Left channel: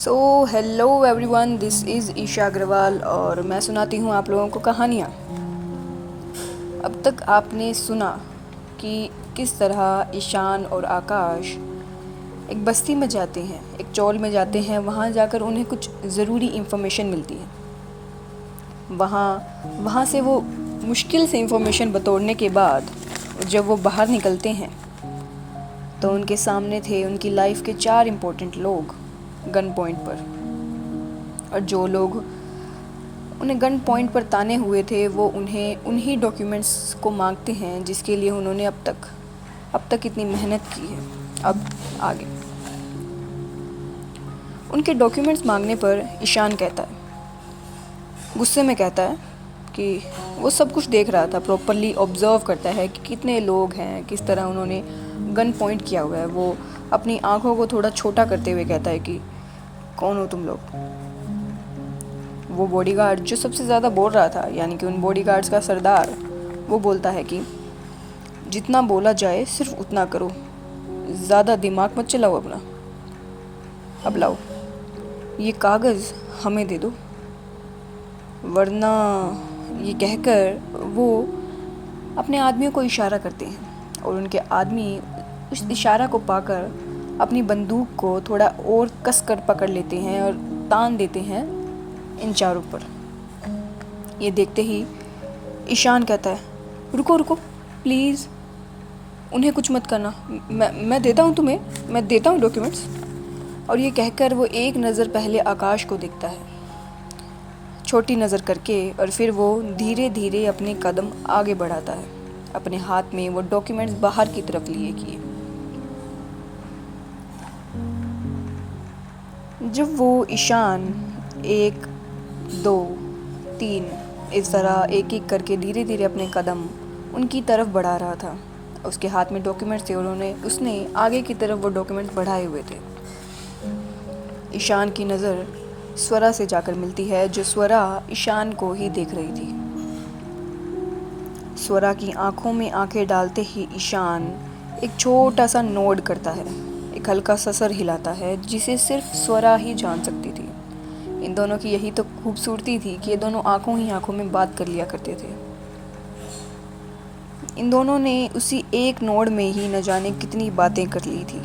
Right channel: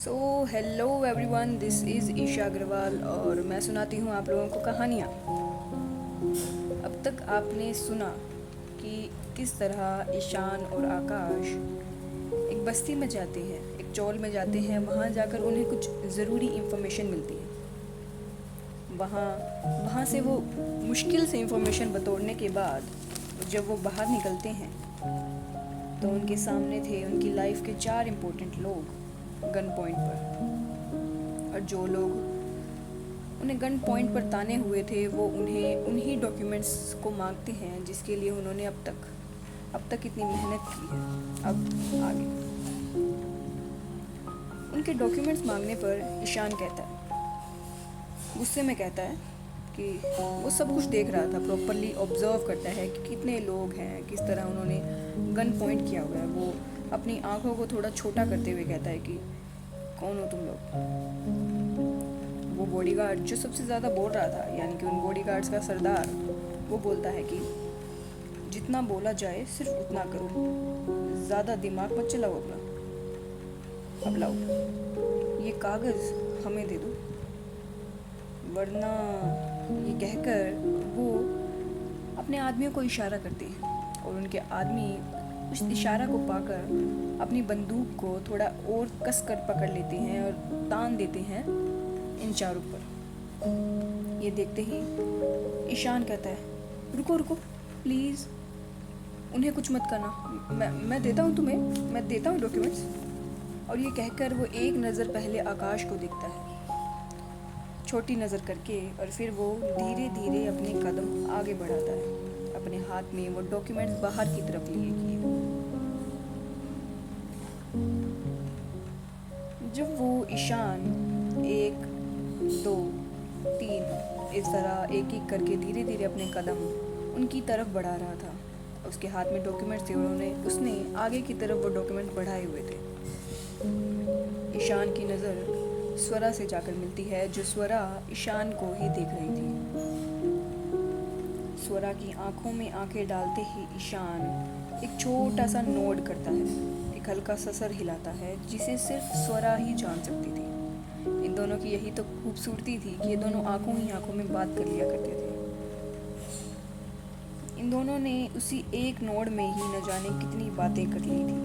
So hello everyone, this is Isha Agarwal और मैं सुनाती हूँ आप लोगों को कहानियाँ। अब तक आपने सुना कि किस तरह ईशान और आकाश एक बस्ती में जाते हैं, एक चौल में जाते हैं। वहाँ जाकर उन्हें कुछ ज़रूरी इन्फॉर्मेशन मिलती है। वहाँ से वो मुश्किल से इन्फॉर्मेशन बटोरने के बाद जब वो बाहर निकलते हैं तो उनके सामने थे उनकी लाइफ के 4 इम्पोर्टेंट लोग गन पॉइंट पर। और जो लोग उन्हें गन पॉइंट पर ताने हुए थे वो उन्हें उन्हीं डॉक्यूमेंट्स को मांगते हैं जिसके लिए उन्होंने अब तक इतनी मेहनत की है। अब आगे उनके डॉक्यूमेंट्स मांगने पर ईशान कहता है, गुस्से में कहता है कि वो सब कुछ देख रहा था, प्रॉपरली ऑब्जर्व करता है कि कितने लोग हैं, किस तरह उन्होंने गन पॉइंट किया हुआ है। वो अपनी आंखों को थोड़ा छोटा करते हुए कहता है कि कौन हो तुम लोग। वो बॉडीगार्ड जो सबसे ज़्यादा बोल रहा था, यानी कि उन बॉडीगार्ड्स का सरदार, वो बोलता है कि जितना बोला जाए सिर्फ उतना करो, ज़्यादा दिमाग मत चलाओ अपना। अब लाओ ये कागज़ हमें दे दो, वरना। ये कहकर वो अपने आदमियों को इशारा करते हैं और उनके आदमी उस इशारा को पाकर अपनी बंदूक को थोड़ा और कस कर पकड़ लेते हैं और तान देते हैं इन चारों पर। ये देखते ही ईशान कहता है, रुको रुको प्लीज़, उन्हें कुछ मत करना, मैं देता हूँ तुम्हें, मैं देता हूँ डॉक्यूमेंट्स। और ये कहकर वो एक नज़र पहले आकाश को देखता है, छोटी नज़र करके, और फिर वो धीरे धीरे अपने कदम आगे बढ़ाता है, अपने हाथ में वो डॉक्यूमेंट्स बाहर की तरफ लिए किए। जब वो ईशान 1 2 3 इस तरह एक एक करके धीरे धीरे अपने कदम उनकी तरफ बढ़ा रहा था, उसके हाथ में डॉक्यूमेंट्स थे और उसने आगे की तरफ वो डॉक्यूमेंट्स बढ़ाए हुए थे। ईशान की नज़र स्वरा से जाकर मिलती है, जो स्वरा ईशान को ही देख रही थी। स्वरा की आंखों में आंखें डालते ही ईशान एक छोटा सा नोड करता है, एक हल्का सा सर हिलाता है, जिसे सिर्फ स्वरा ही जान सकती थी। इन दोनों की यही तो खूबसूरती थी कि ये दोनों आंखों ही आंखों में बात कर लिया करते थे। इन दोनों ने उसी एक नोड में ही न जाने कितनी बातें कर ली थी।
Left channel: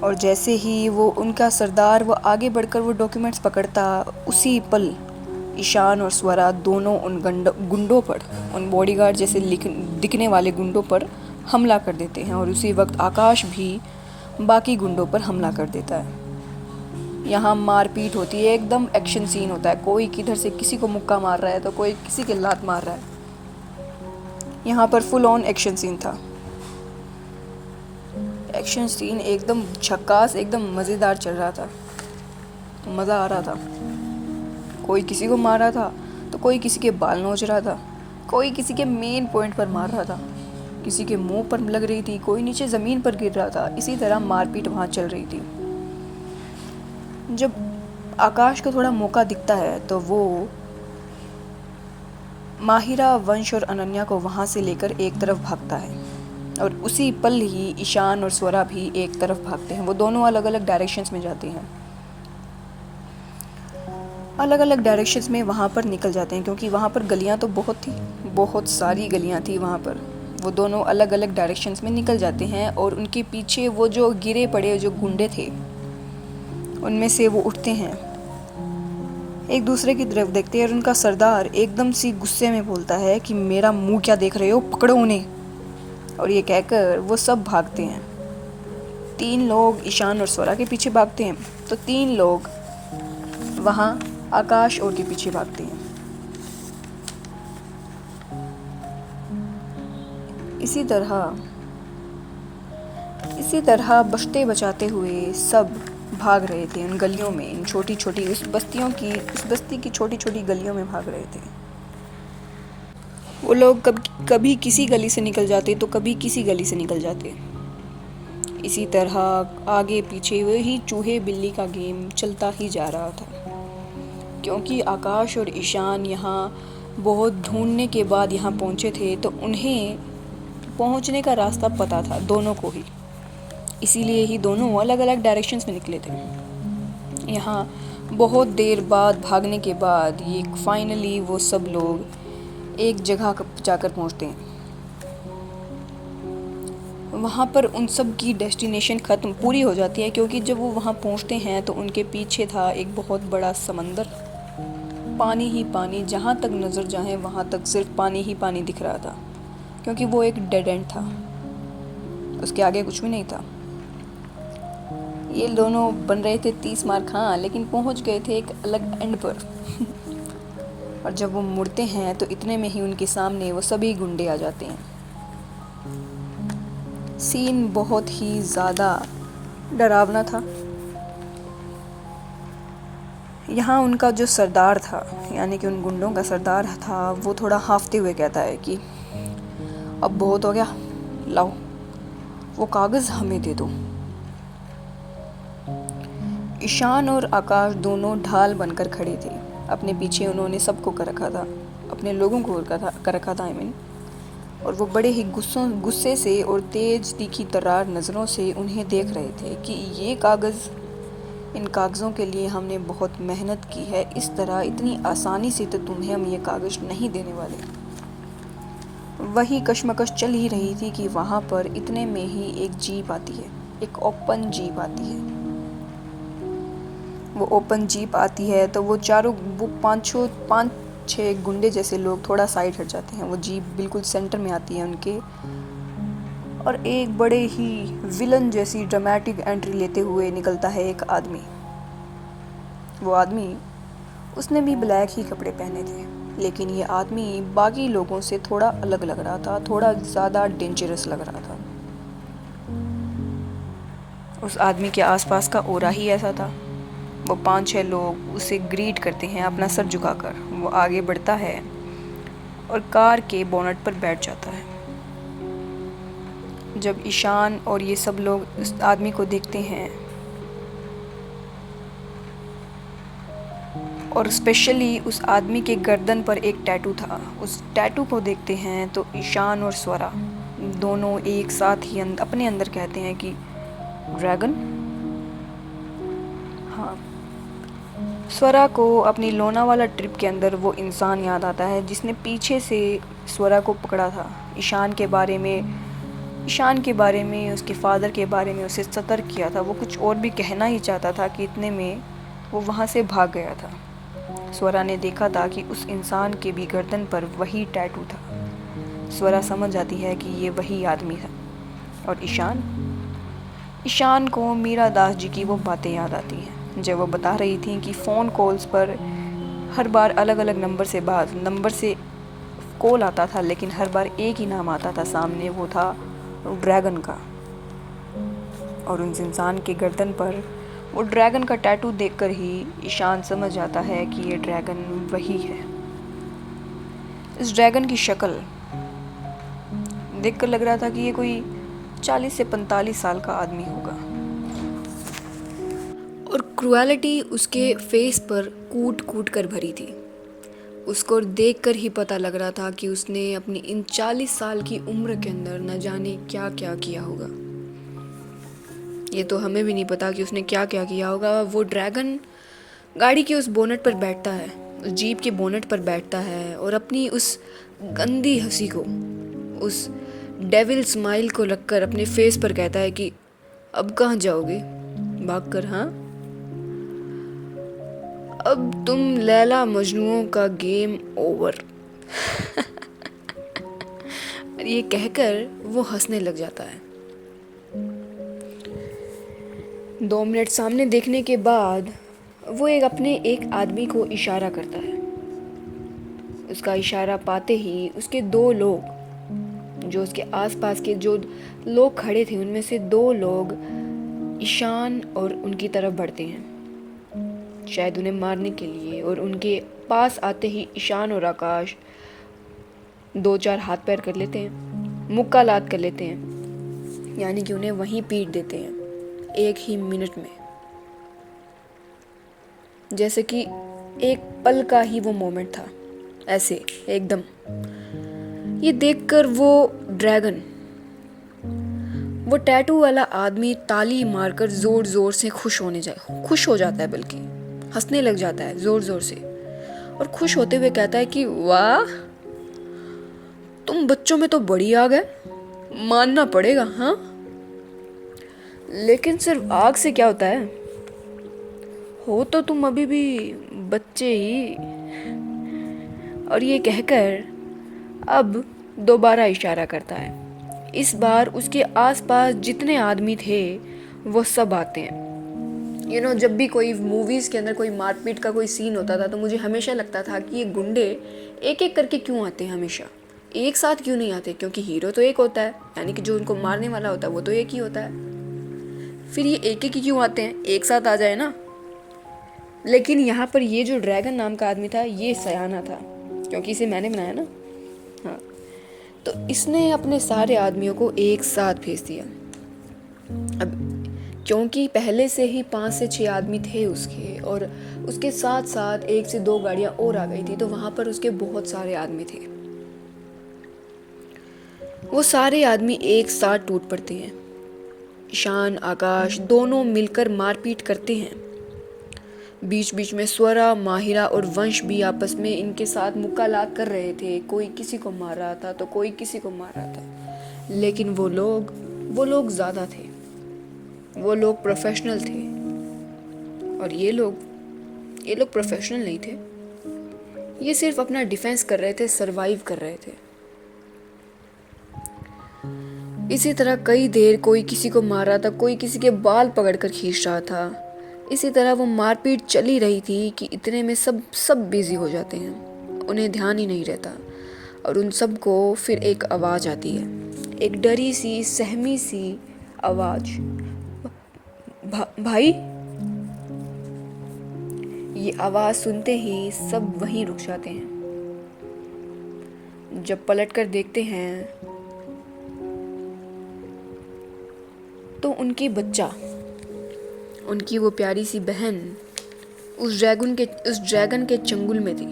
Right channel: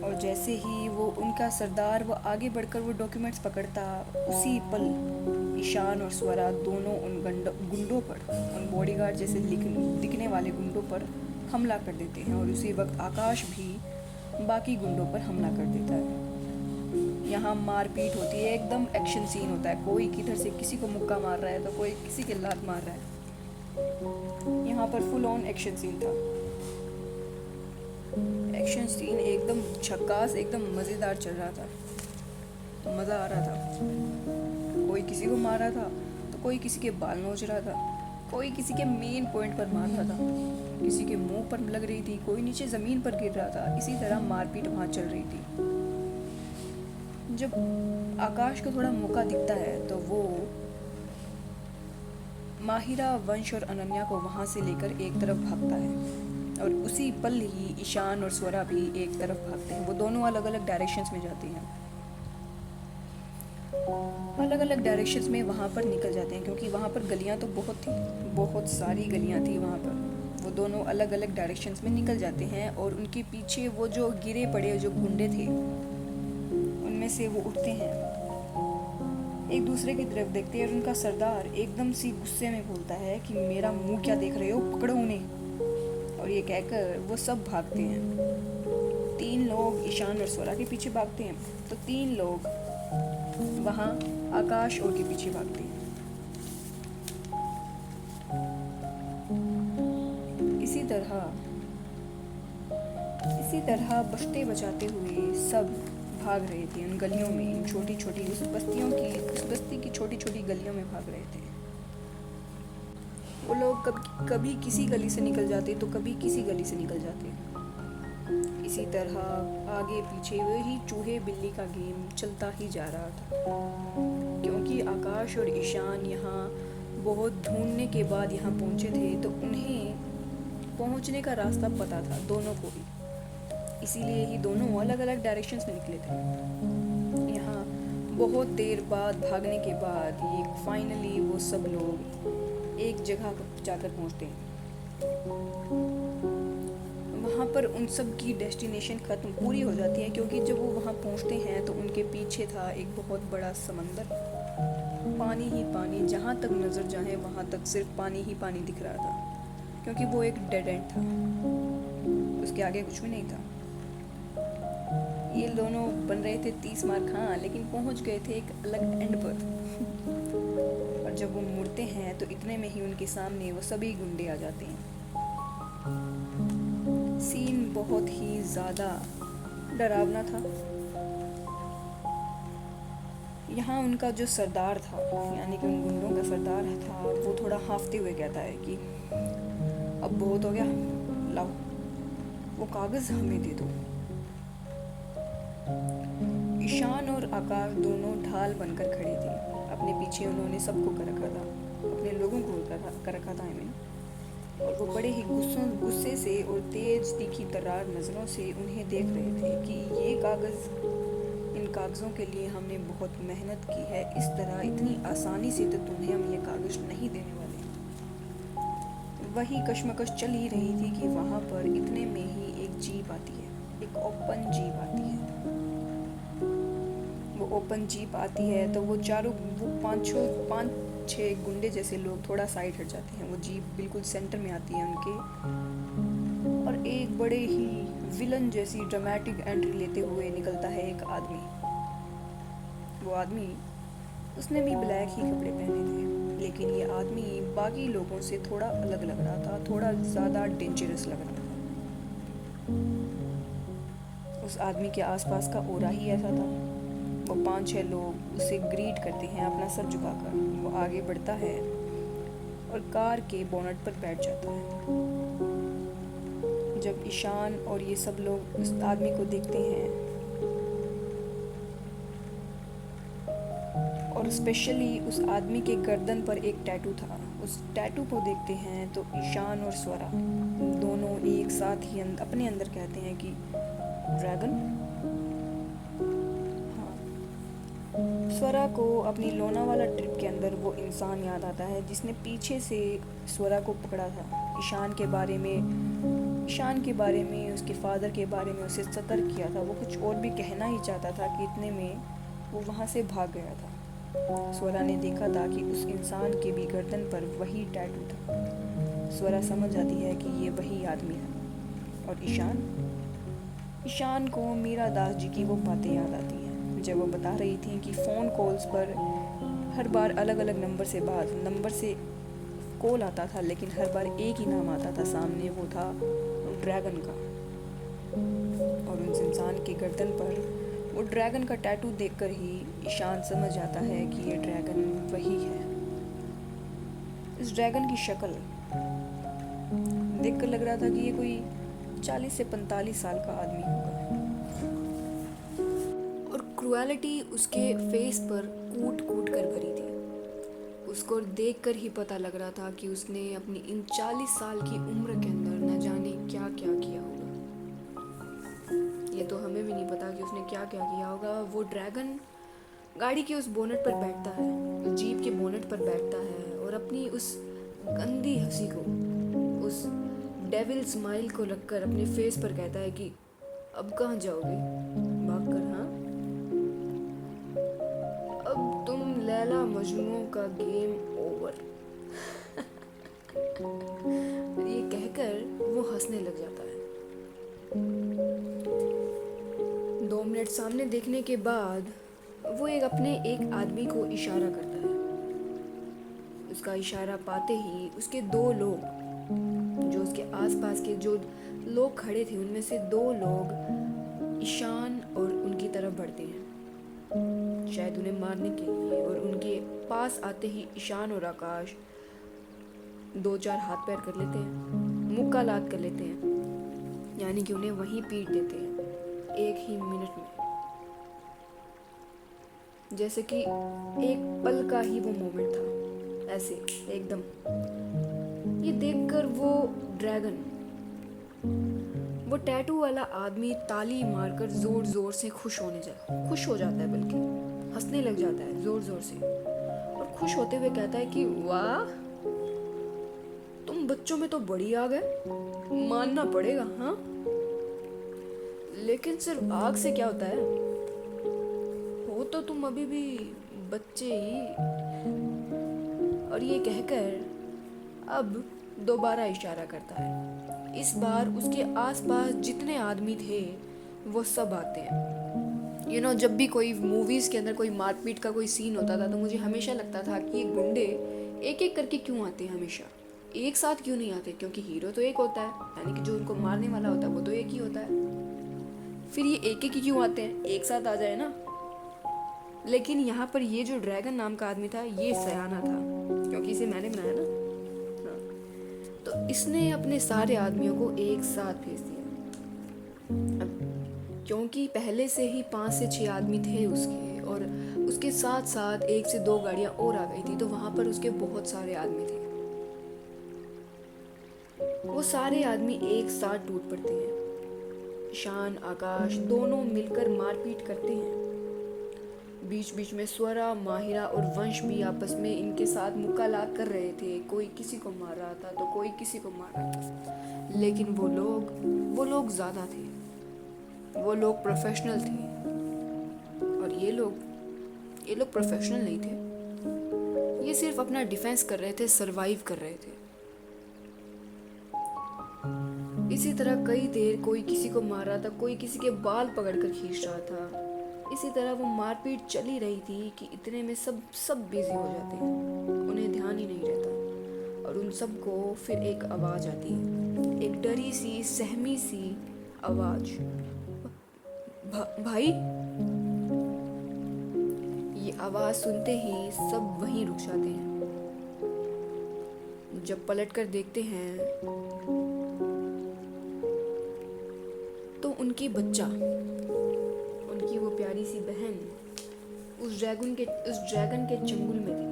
और जैसे ही वो उनका सरदार वो आगे बढ़कर वो डॉक्यूमेंट्स पकड़ता, उसी पल ईशान और स्वरा दोनों उन गुंडों पर, उन बॉडीगार्ड जैसे दिखने वाले गुंडों पर हमला कर देते हैं। और उसी वक्त आकाश भी बाकी गुंडों पर हमला कर देता है। यहाँ मारपीट होती है, एकदम एक्शन सीन होता है। कोई किधर से किसी को मुक्का मार रहा है तो कोई किसी के लात मार रहा है। यहाँ पर फुल ऑन एक्शन सीन था। एक्शन सीन एकदम झक्कास, एकदम मज़ेदार चल रहा था, मज़ा आ रहा था। कोई किसी को मार रहा था तो कोई किसी के बाल नोच रहा था, कोई किसी के मेन पॉइंट पर मार रहा था, किसी के मुंह पर लग रही थी, कोई नीचे ज़मीन पर गिर रहा था। इसी तरह मारपीट वहाँ चल रही थी। जब आकाश को थोड़ा मौका दिखता है तो वो माहिरा, वंश और अनन्या को वहाँ से लेकर एक तरफ भागता है, और उसी पल ही ईशान और स्वरा भी एक तरफ भागते हैं। वो दोनों अलग अलग डायरेक्शंस में जाते हैं, अलग अलग डायरेक्शंस में वहाँ पर निकल जाते हैं, क्योंकि वहाँ पर गलियाँ तो बहुत सारी गलियाँ थी वहाँ पर। वो दोनों अलग अलग डायरेक्शंस में निकल जाते हैं और उनके पीछे वो जो गिरे पड़े जो गुंडे थे, उनमें से वो उठते हैं, एक दूसरे की तरफ देखते हैं, और उनका सरदार एकदम सी गुस्से में बोलता है कि मेरा मुंह क्या देख रहे हो, पकड़ो उन्हें। और ये कहकर वो सब भागते हैं। 3 लोग ईशान और स्वरा के पीछे भागते हैं, तो 3 लोग वहाँ आकाश और के पीछे भागते हैं। इसी तरह बचते बचाते हुए सब भाग रहे थे उन गलियों में, इन छोटी छोटी उस बस्ती की छोटी छोटी गलियों में भाग रहे थे। वो लोग कभी किसी गली से निकल जाते तो कभी किसी गली से निकल जाते। इसी तरह आगे पीछे वही चूहे बिल्ली का गेम चलता ही जा रहा था, क्योंकि आकाश और ईशान यहाँ बहुत ढूंढने के बाद यहाँ पहुँचे थे, तो उन्हें पहुँचने का रास्ता पता था दोनों को ही। इसीलिए ही दोनों अलग अलग डायरेक्शंस में निकले थे। यहाँ बहुत देर बाद भागने के बाद ये फाइनली वो सब लोग एक जगह जाकर पहुँचते हैं। वहाँ पर उन सब की डेस्टिनेशन ख़त्म पूरी हो जाती है, क्योंकि जब वो वहाँ पहुँचते हैं तो उनके पीछे था एक बहुत बड़ा समंदर, पानी ही पानी, जहाँ तक नज़र जाए वहाँ तक सिर्फ पानी ही पानी दिख रहा था, क्योंकि वो एक डेड एंड था, उसके आगे कुछ भी नहीं था। ये दोनों बन रहे थे 30 मार खां, लेकिन पहुँच गए थे एक अलग एंड पर। और जब वो मुड़ते हैं तो इतने में ही उनके सामने वो सभी गुंडे आ जाते हैं। सीन बहुत ही ज़्यादा डरावना था। यहाँ उनका जो सरदार था, यानी कि उन गुंडों का सरदार था, वो थोड़ा हांफते हुए कहता है कि अब बहुत हो गया, लाओ वो कागज़ हमें दे दो। ईशान और आकाश दोनों ढाल बनकर खड़े थे। अपने पीछे उन्होंने सबको कर रखा था, अपने लोगों को कर रखा था, और वो बड़े ही गुस्से से और तेज तीखी तर्रार नज़रों से उन्हें देख रहे थे कि ये कागज़, इन कागज़ों के लिए हमने बहुत मेहनत की है, इस तरह इतनी आसानी से तो तुम्हें हम ये कागज़ नहीं देने वाले। वही कश्मकश चल ही रही थी कि वहाँ पर इतने में ही एक जीप आती है, एक ओपन जीप आती है। वो ओपन जीप आती है तो वो पाँच छः गुंडे जैसे लोग थोड़ा साइड हट जाते हैं। वो जीप बिल्कुल सेंटर में आती है उनके, और एक बड़े ही विलन जैसी ड्रामेटिक एंट्री लेते हुए निकलता है एक आदमी। वो आदमी, उसने भी ब्लैक ही कपड़े पहने थे, लेकिन ये आदमी बाकी लोगों से थोड़ा अलग लग रहा था, थोड़ा ज़्यादा डेंजरस लग रहा था। उस आदमी के आसपास का ओरा ही ऐसा था। वो 5-6 लोग उसे ग्रीट करते हैं अपना सर झुकाकर। वो आगे बढ़ता है और कार के बोनट पर बैठ जाता है। जब ईशान और ये सब लोग उस आदमी को देखते हैं, और स्पेशली उस आदमी के गर्दन पर एक टैटू था, उस टैटू को देखते हैं तो ईशान और स्वरा दोनों एक साथ ही अपने अंदर कहते हैं कि ड्रैगन। हाँ, स्वरा को अपनी लोनावाला ट्रिप के अंदर वो इंसान याद आता है जिसने पीछे से स्वरा को पकड़ा था। ईशान के बारे में, उसके फादर के बारे में उसे सतर्क किया था। वो कुछ और भी कहना ही चाहता था कि इतने में वो वहाँ से भाग गया था। स्वरा ने देखा था कि उस इंसान के भी गर्दन पर वही टैटू था। स्वरा समझ जाती है कि ये वही आदमी है। और ईशान को मीरा दास जी की वो बातें याद आती हैं जब वो बता रही थी कि फ़ोन कॉल्स पर हर बार अलग अलग नंबर से कॉल आता था, लेकिन हर बार एक ही नाम आता था सामने, वो था ड्रैगन का। और उस इंसान के गर्दन पर वो ड्रैगन का टैटू देखकर ही ईशान समझ जाता है कि ये ड्रैगन वही है। इस ड्रैगन की शक्ल देखकर लग रहा था कि ये कोई 40 से 45 साल का आदमी होगा, और क्रुएलिटी उसके फेस पर कूट कूट कर भरी थी। उसको देखकर ही पता लग रहा था कि उसने अपनी इन 40 साल की उम्र के अंदर न जाने क्या क्या किया होगा। ये तो हमें भी नहीं पता कि उसने क्या क्या किया होगा। वो ड्रैगन गाड़ी के उस बोनट पर बैठता है, उस जीप के बोनट पर बैठता है, और अपनी उस गंदी हंसी को, उस डेविल स्माइल को रखकर अपने फेस पर कहता है कि अब कहाँ जाओगे भागकर? हाँ, अब तुम लैला मजनुओं का गेम ओवर। ये कहकर वो हंसने लग जाता है। 2 मिनट सामने देखने के बाद वो एक आदमी को इशारा करता है। उसका इशारा पाते ही उसके 2 लोग, जो उसके आसपास के जो लोग खड़े थे, उनमें से 2 लोग ईशान और उनकी तरफ बढ़ते हैं, शायद उन्हें मारने के लिए। और उनके पास आते ही ईशान और आकाश 2-4 हाथ पैर कर लेते हैं, मुक्का लात कर लेते हैं, यानी कि उन्हें वहीं पीट देते हैं 1 ही मिनट में। जैसे कि एक पल का ही वो मोमेंट था, ऐसे एकदम। ये देखकर वो ड्रैगन वो टैटू वाला आदमी ताली मारकर जोर जोर से खुश हो जाता है, बल्कि हंसने लग जाता है जोर जोर से, और खुश होते हुए कहता है कि वाह, तुम बच्चों में तो बड़ी आग है, मानना पड़ेगा। हाँ, लेकिन सिर्फ आग से क्या होता है, हो तो तुम अभी भी बच्चे ही। और ये कहकर अब दोबारा इशारा करता है। इस बार उसके आसपास जितने आदमी थे वो सब आते हैं। जब भी कोई मूवीज़ के अंदर कोई मारपीट का कोई सीन होता था तो मुझे हमेशा लगता था कि ये गुंडे एक एक करके क्यों आते हैं, हमेशा एक साथ क्यों नहीं आते, क्योंकि हीरो तो एक होता है, यानी कि जो उनको मारने वाला होता है वो तो एक ही होता है, फिर ये एक एक ही क्यों आते हैं, एक साथ आ जाए ना। लेकिन यहाँ पर ये जो ड्रैगन नाम का आदमी था ये सयाना था, क्योंकि इसे मैंने बनाया ना। हाँ, तो इसने अपने सारे आदमियों को एक साथ भेज दिया। अब क्योंकि पहले से ही 5 से 6 आदमी थे उसके, और उसके साथ साथ 1 से 2 गाड़ियाँ और आ गई थी, तो वहाँ पर उसके बहुत सारे आदमी थे। वो सारे आदमी एक साथ टूट पड़ते हैं। ईशान, आकाश दोनों मिलकर मारपीट करते हैं। बीच बीच में स्वरा, माहिरा और वंश भी आपस में इनके साथ मुकालात कर रहे थे। कोई किसी को मार रहा था तो कोई किसी को मार रहा था, लेकिन वो लोग ज़्यादा थे, वो लोग प्रोफेशनल थे, और ये लोग प्रोफेशनल नहीं थे। ये सिर्फ अपना डिफेंस कर रहे थे, सरवाइव कर रहे थे। इसी तरह कई देर कोई किसी को मार रहा था, कोई किसी के बाल पकड़कर खींच रहा था। इसी तरह वो मारपीट चली रही थी कि इतने में सब बिजी हो जाते हैं, उन्हें ध्यान ही नहीं रहता। और उन सब को फिर एक आवाज़ आती है, एक डरी सी, सहमी सी आवाज़, भाई। ये आवाज़ सुनते ही सब वहीं रुक जाते हैं। जब पलट कर देखते हैं तो उनकी बच्चा, उनकी वो प्यारी सी बहन उस ड्रैगन के चंगुल में थी।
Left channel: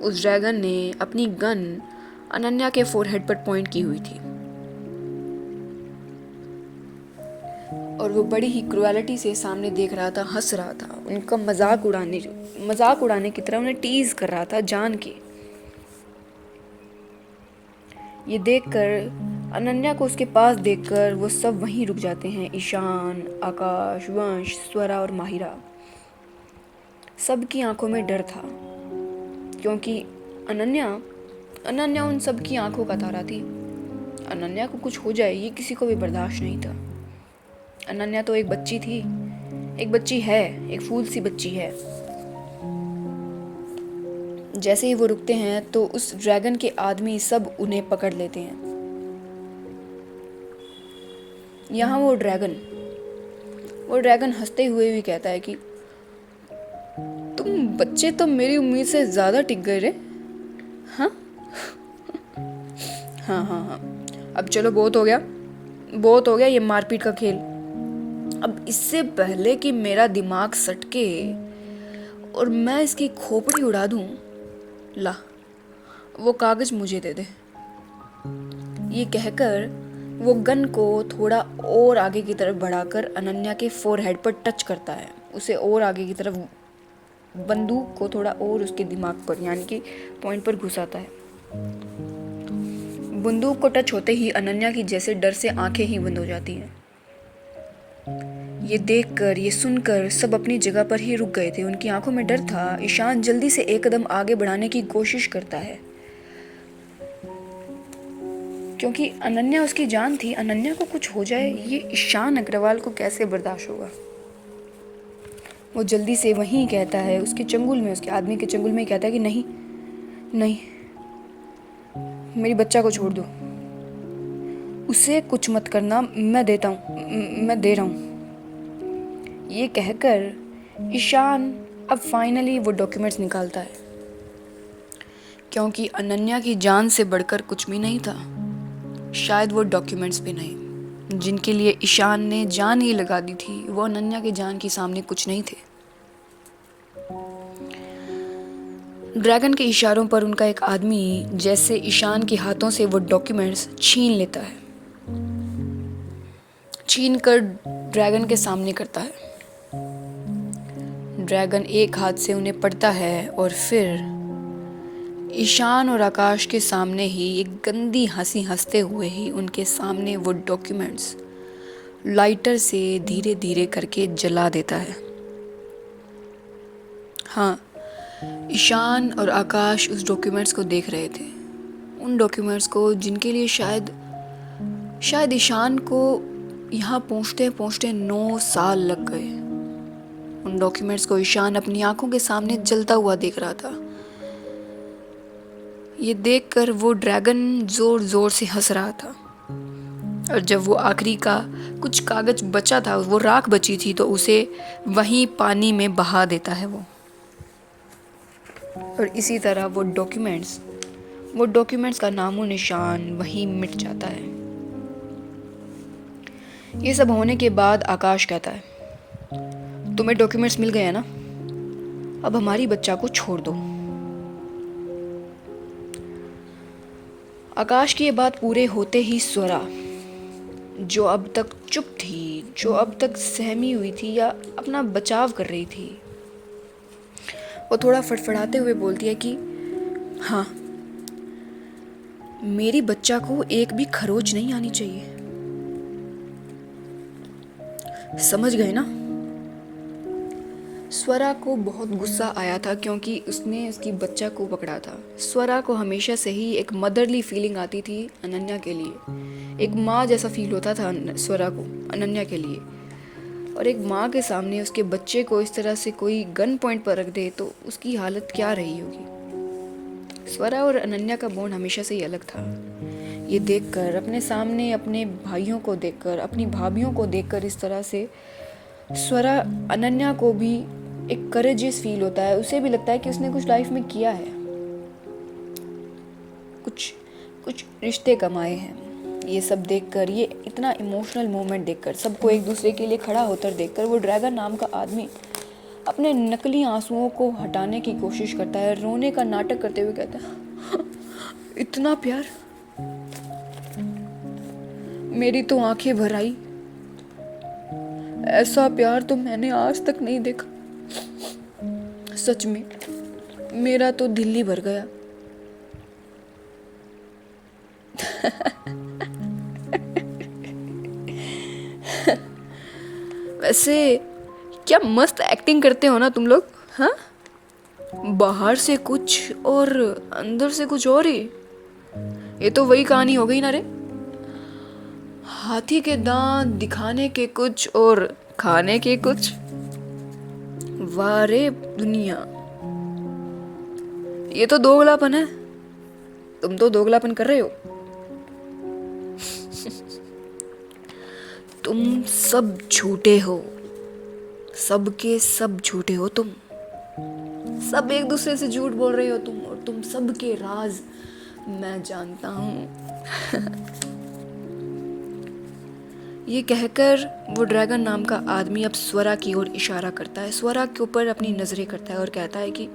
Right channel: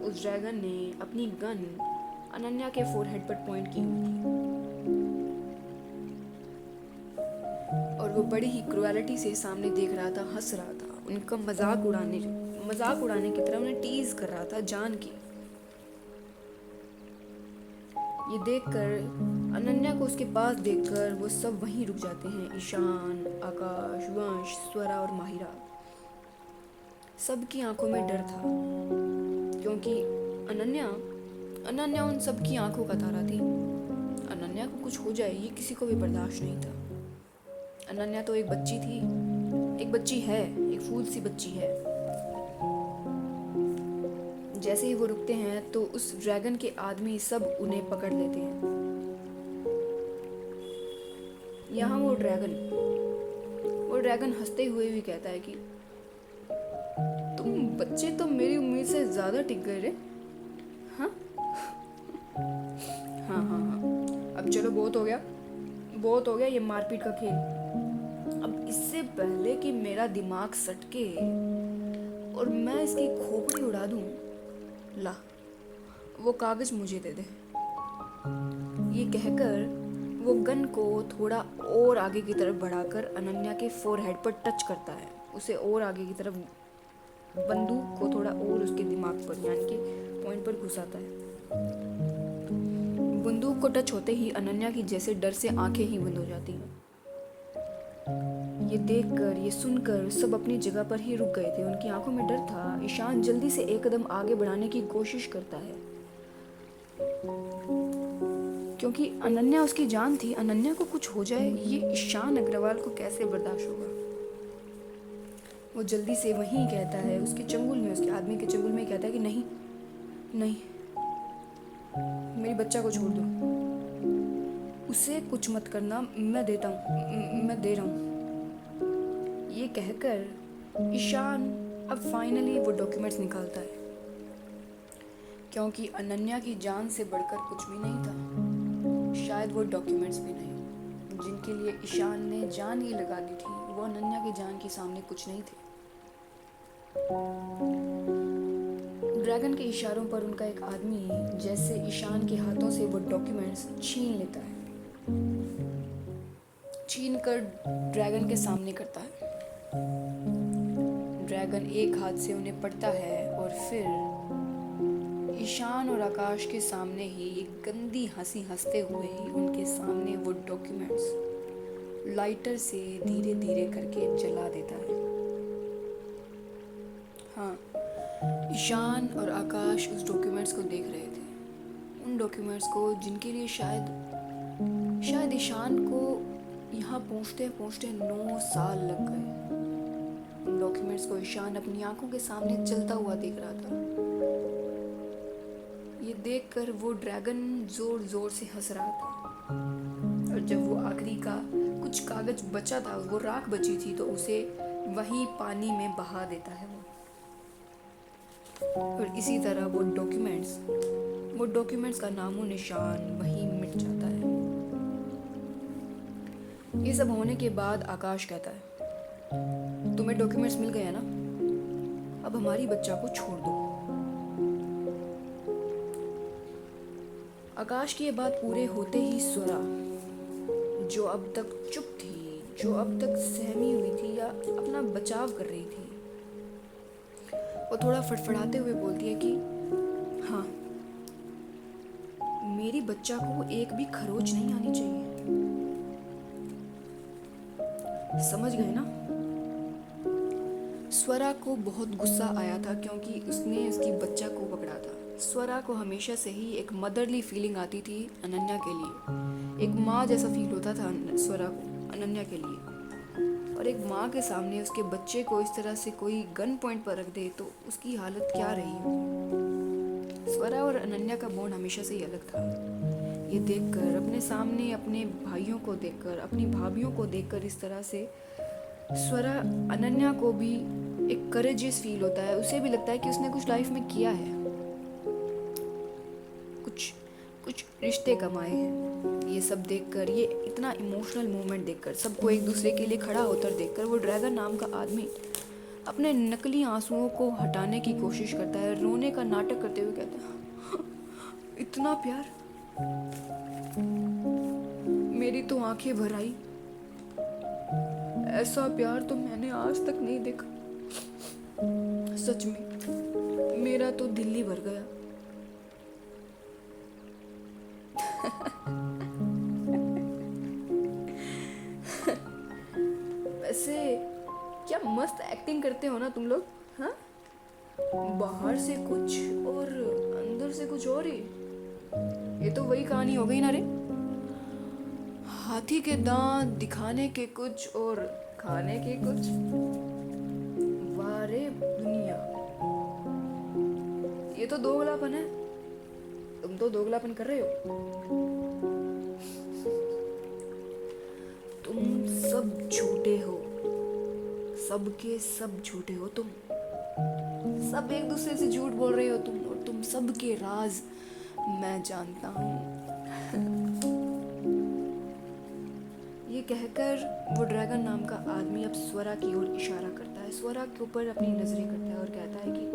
उस ड्रैगन ने अपनी गन अनन्या के फोरहेड पर पॉइंट की हुई थी, और वो बड़ी ही क्रुएलिटी से सामने देख रहा था, हंस रहा था, उनका मजाक उड़ाने की तरह उन्हें टीज कर रहा था जान के। ये देखकर अनन्या को उसके पास देखकर वो सब वहीं रुक जाते हैं। ईशान, आकाश, वंश, स्वरा और माहिरा, सबकी आंखों में डर था, क्योंकि अनन्या उन सब की आंखों का तारा थी। अनन्या को कुछ हो जाए ये किसी को भी बर्दाश्त नहीं था। अनन्या तो एक बच्ची थी, एक बच्ची है, एक फूल सी बच्ची है। जैसे ही वो रुकते हैं तो उस ड्रैगन के आदमी सब उन्हें पकड़ लेते हैं। यहाँ वो ड्रैगन हंसते हुए भी कहता है कि तुम बच्चे तो मेरी उम्मीद से ज्यादा टिक गए रे। हाँ हाँ हाँ हाँ, अब चलो बहुत हो गया ये मारपीट का खेल। अब इससे पहले कि मेरा दिमाग सटके और मैं इसकी खोपड़ी उड़ा दूं, ला वो कागज मुझे दे दे। ये कहकर वो गन को थोड़ा और आगे की तरफ बढ़ाकर अनन्या के फोरहेड पर टच करता है, उसे और आगे की तरफ, बंदूक को थोड़ा और उसके दिमाग पर यानी कि पॉइंट पर घुसाता है। बंदूक को टच होते ही अनन्या की जैसे डर से आंखें ही बंद हो जाती हैं। ये देखकर, ये सुनकर सब अपनी जगह पर ही रुक गए थे, उनकी आंखों में डर था। ईशान जल्दी से एक कदम आगे बढ़ाने की कोशिश करता है, क्योंकि अनन्या उसकी जान थी। अनन्या को कुछ हो जाए ये ईशान अग्रवाल को कैसे बर्दाश्त होगा। वो जल्दी से वहीं कहता है, उसके चंगुल में, उसके आदमी के चंगुल में कहता है कि नहीं नहीं, मेरी बच्चा को छोड़ दो, उसे कुछ मत करना, मैं दे रहा हूँ। ये कहकर ईशान अब फाइनली वो डॉक्यूमेंट्स निकालता है, क्योंकि अनन्या की जान से बढ़कर कुछ भी नहीं था। शायद वो डॉक्यूमेंट्स भी नहीं, जिनके लिए ईशान ने जान ही लगा दी थी, वो अनन्या की जान के सामने कुछ नहीं थे। ड्रैगन के इशारों पर उनका एक आदमी जैसे ईशान के हाथों से वो डॉक्यूमेंट्स छीन लेता है। छीन कर ड्रैगन के सामने करता है। ड्रैगन एक हाथ से उन्हें पड़ता है और फिर ईशान और आकाश के सामने ही एक गंदी हंसी हंसते हुए ही उनके सामने वो डॉक्यूमेंट्स लाइटर से धीरे धीरे करके जला देता है। हाँ, ईशान और आकाश उस डॉक्यूमेंट्स को देख रहे थे, उन डॉक्यूमेंट्स को जिनके लिए शायद ईशान को यहाँ पहुँचते पहुँचते 9 साल लग गए। उन डॉक्यूमेंट्स को ईशान अपनी आंखों के सामने जलता हुआ देख रहा था। ये देखकर वो ड्रैगन जोर जोर से हंस रहा था, और जब वो आखिरी का कुछ कागज बचा था, वो राख बची थी, तो उसे वहीं पानी में बहा देता है वो। और इसी तरह वो डॉक्यूमेंट्स का नामो निशान वहीं मिट जाता है। ये सब होने के बाद आकाश कहता है, तुम्हें डॉक्यूमेंट्स मिल गए हैं ना, अब हमारी बच्चा को छोड़ दो। आकाश की ये बात पूरे होते ही स्वरा, जो अब तक चुप थी, जो अब तक सहमी हुई थी या अपना बचाव कर रही थी, वो थोड़ा फड़फड़ाते हुए बोलती है कि हाँ, मेरी बच्चा को एक भी खरोच नहीं आनी चाहिए। समझ गए ना? स्वरा को बहुत गुस्सा आया था क्योंकि उसने उसकी बच्चा को पकड़ा था। स्वरा को हमेशा से ही एक मदरली फीलिंग आती थी अनन्या के लिए, एक माँ जैसा फील होता था स्वरा को अनन्या के लिए। और एक माँ के सामने उसके बच्चे को इस तरह से कोई गन पॉइंट पर रख दे तो उसकी हालत क्या रही होगी। स्वरा और अनन्या का बॉन्ड हमेशा से ही अलग था। ये देखकर, अपने सामने अपने भाइयों को देखकर, अपनी भाभियों को देखकर इस तरह से स्वरा अनन्या को भी एक करेजियस फील होता है। उसे भी लगता है कि उसने कुछ लाइफ में किया है, कुछ रिश्ते कमाए हैं। ये सब देखकर, ये इतना इमोशनल मोमेंट देखकर, सबको एक दूसरे के लिए खड़ा होकर देखकर, वो ड्रैगन नाम का आदमी अपने नकली आंसुओं को हटाने की कोशिश करता है, रोने का नाटक करते हुए कहता है, इतना प्यार, मेरी तो आंखें भर आई। ऐसा प्यार तो मैंने आज तक नहीं देखा। सच में मेरा तो दिल ही भर गया। वैसे क्या मस्त एक्टिंग करते हो ना तुम लोग, हाँ? बाहर से कुछ और अंदर से कुछ और ही। ये तो वही कहानी हो गई ना रे, हाथी के दांत दिखाने के कुछ और खाने के कुछ। वाह रे दुनिया, ये तो दोगलापन है। तुम तो दोगलापन कर रहे हो। तुम सब झूठे हो, सबके सब झूठे हो। तुम सब एक दूसरे से झूठ बोल रहे हो तुम, और तुम सबके राज मैं जानता हूँ। ये कहकर वो ड्रैगन नाम का आदमी अब स्वरा की ओर इशारा करता है, स्वरा के ऊपर अपनी नजरें करता है और कहता है कि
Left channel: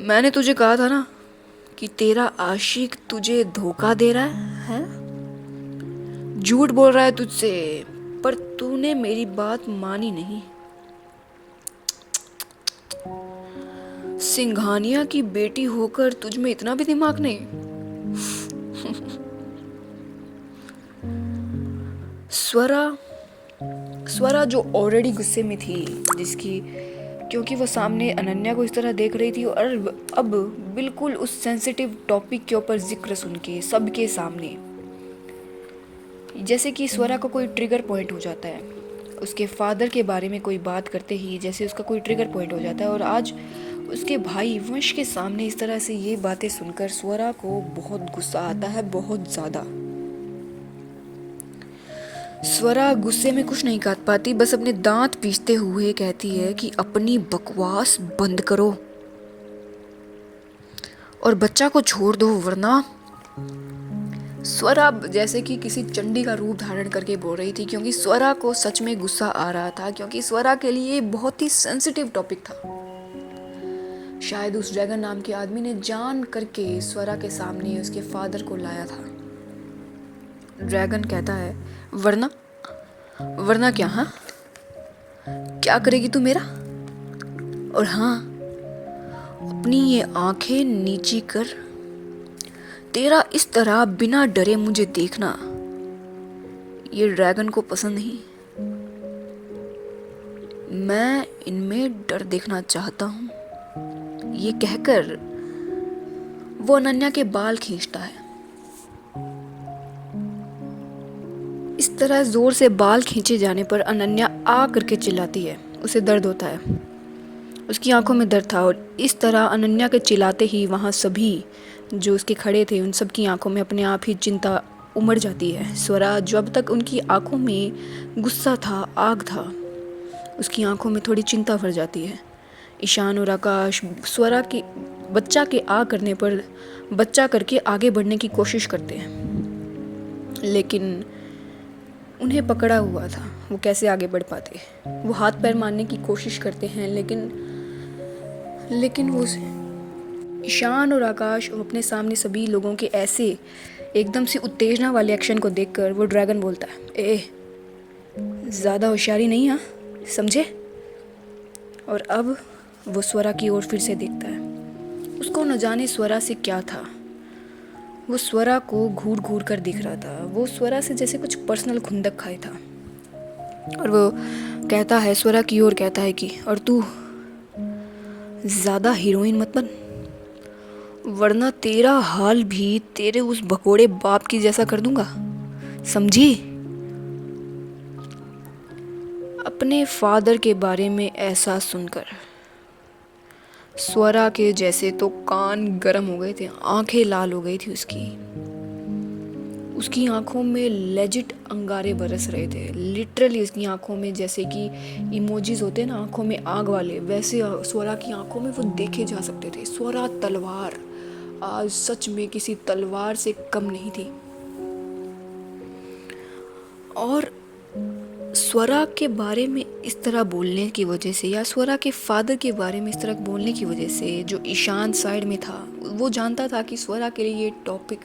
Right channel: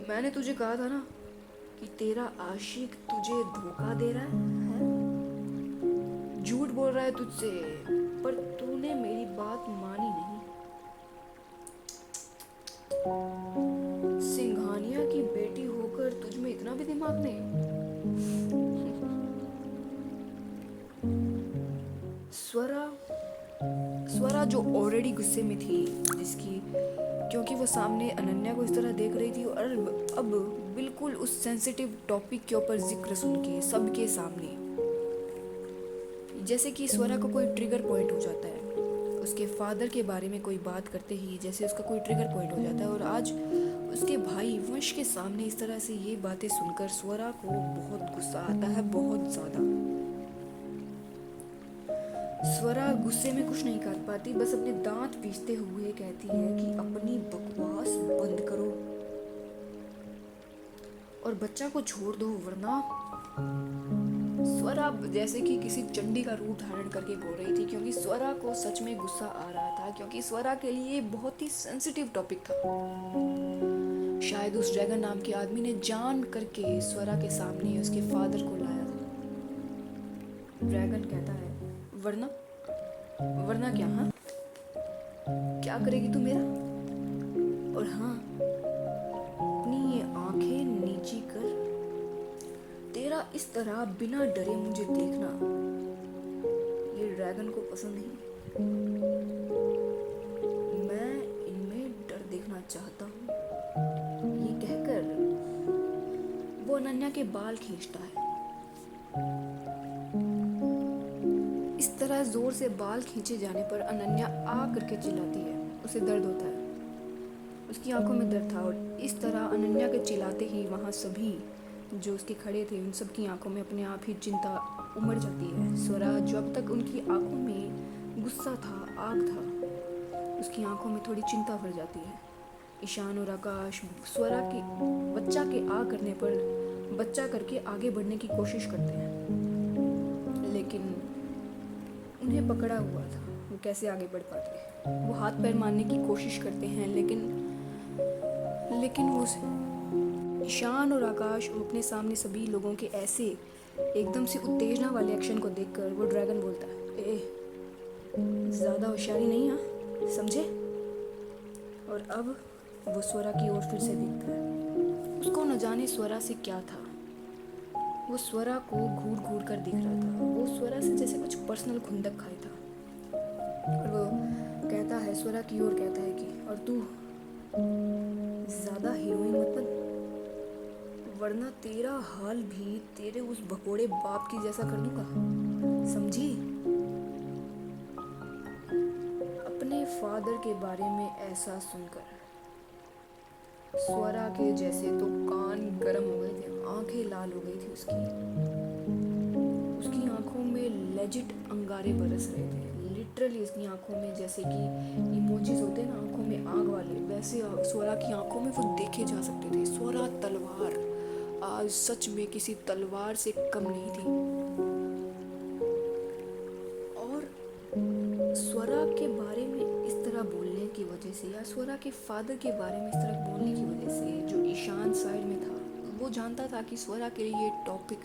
मैंने तुझे कहा था ना कि तेरा आशिक तुझे धोखा दे रहा है? झूठ बोल रहा है तुझसे, पर तूने मेरी बात मानी नहीं। सिंघानिया की बेटी होकर तुझ में इतना भी दिमाग नहीं। स्वरा जो ऑलरेडी गुस्से में थी, क्योंकि वो सामने अनन्या को इस तरह देख रही थी, और अब बिल्कुल उस सेंसिटिव टॉपिक के ऊपर जिक्र सुन के सबके सामने, जैसे कि स्वरा को कोई ट्रिगर पॉइंट हो जाता है, उसके फादर के बारे में कोई बात करते ही जैसे उसका कोई ट्रिगर पॉइंट हो जाता है। और आज उसके भाई वंश के सामने इस तरह से ये बातें सुनकर स्वरा को बहुत गुस्सा आता है, बहुत ज़्यादा। स्वरा गुस्से में कुछ नहीं कर पाती, बस अपने दांत पीसते हुए कहती है कि अपनी बकवास बंद करो और बच्चा को छोड़ दो, वरना। स्वरा जैसे कि किसी चंडी का रूप धारण करके बोल रही थी, क्योंकि स्वरा को सच में गुस्सा आ रहा था, क्योंकि स्वरा के लिए बहुत ही सेंसिटिव टॉपिक था। शायद उस ड्रैगन नाम के आदमी ने जान करके स्वरा के सामने उसके फादर को लाया था। ड्रैगन कहता है, वरना वरना क्या? हाँ, क्या करेगी तू मेरा? और हाँ, अपनी ये आंखें नीची कर, तेरा इस तरह बिना डरे मुझे देखना ये ड्रैगन को पसंद नहीं। मैं इनमें डर देखना चाहता हूँ। ये कहकर वो अनन्या के बाल खींचता है। इस तरह जोर से बाल खींचे जाने पर अनन्या आ करके चिल्लाती है। उसे दर्द होता है, उसकी आंखों में दर्द था। और इस तरह अनन्या के चिल्लाते ही वहाँ सभी जो उसके खड़े थे उन सब की आंखों में अपने आप ही चिंता उमड़ जाती है। स्वरा जो अब तक उनकी आंखों में गुस्सा था, आग था, उसकी आंखों में थोड़ी चिंता भर जाती है। ईशान और आकाश स्वरा की बच्चा के आ करने पर बच्चा करके आगे बढ़ने की कोशिश करते हैं, लेकिन उन्हें पकड़ा हुआ था, वो कैसे आगे बढ़ पाते। वो हाथ पैर मारने की कोशिश करते हैं, लेकिन वो ईशान और आकाश अपने सामने सभी लोगों के ऐसे एकदम से उत्तेजना वाले एक्शन को देखकर वो ड्रैगन बोलता है, ए ज़्यादा होशियारी नहीं, हाँ समझे? और अब वो स्वरा की ओर फिर से देखता है। उसको न जाने स्वरा से क्या था, वो स्वरा को घूर घूर कर दिख रहा था। वो स्वरा से जैसे कुछ पर्सनल खुंदक खाए था। और वो कहता है, स्वरा की ओर कहता है कि और तू ज़्यादा हीरोइन मत बन, वरना तेरा हाल भी तेरे उस भगोड़े बाप की जैसा कर दूंगा, समझी? अपने फादर के बारे में ऐसा सुनकर स्वरा के जैसे तो कान गरम हो गए थे, आंखें लाल हो गई थी उसकी आंखों में लेजिट अंगारे बरस रहे थे। लिटरली उसकी आंखों में जैसे कि इमोजीज होते हैं ना आंखों में आग वाले, वैसे स्वरा की आंखों में वो देखे जा सकते थे। स्वरा तलवार आज सच में किसी तलवार से कम नहीं थी। और स्वरा के बारे में इस तरह बोलने की वजह से, या स्वरा के फादर के बारे में इस तरह बोलने की वजह से, जो ईशान साइड में था वो जानता था कि स्वरा के लिए ये टॉपिक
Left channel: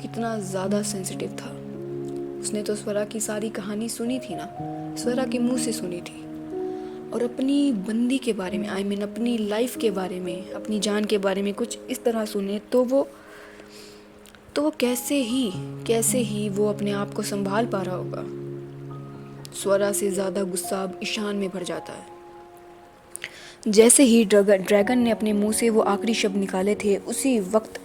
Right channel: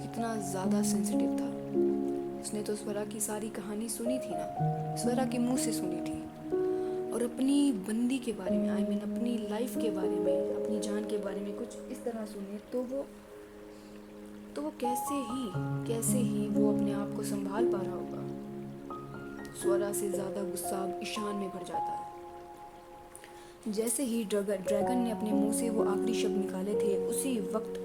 कितना ज़्यादा सेंसिटिव था। उसने तो स्वरा की सारी कहानी सुनी थी ना, स्वरा के मुंह से सुनी थी। और अपनी बंदी के बारे में, अपनी लाइफ के बारे में, अपनी जान के बारे में कुछ इस तरह सुने तो वो कैसे ही वो अपने आप को संभाल पा रहा होगा। स्वरा से ज़्यादा गुस्सा अब ईशान में भर जाता है। जैसे ही ड्रैगन ने अपने मुंह से वो आखिरी शब्द निकाले थे, उसी वक्त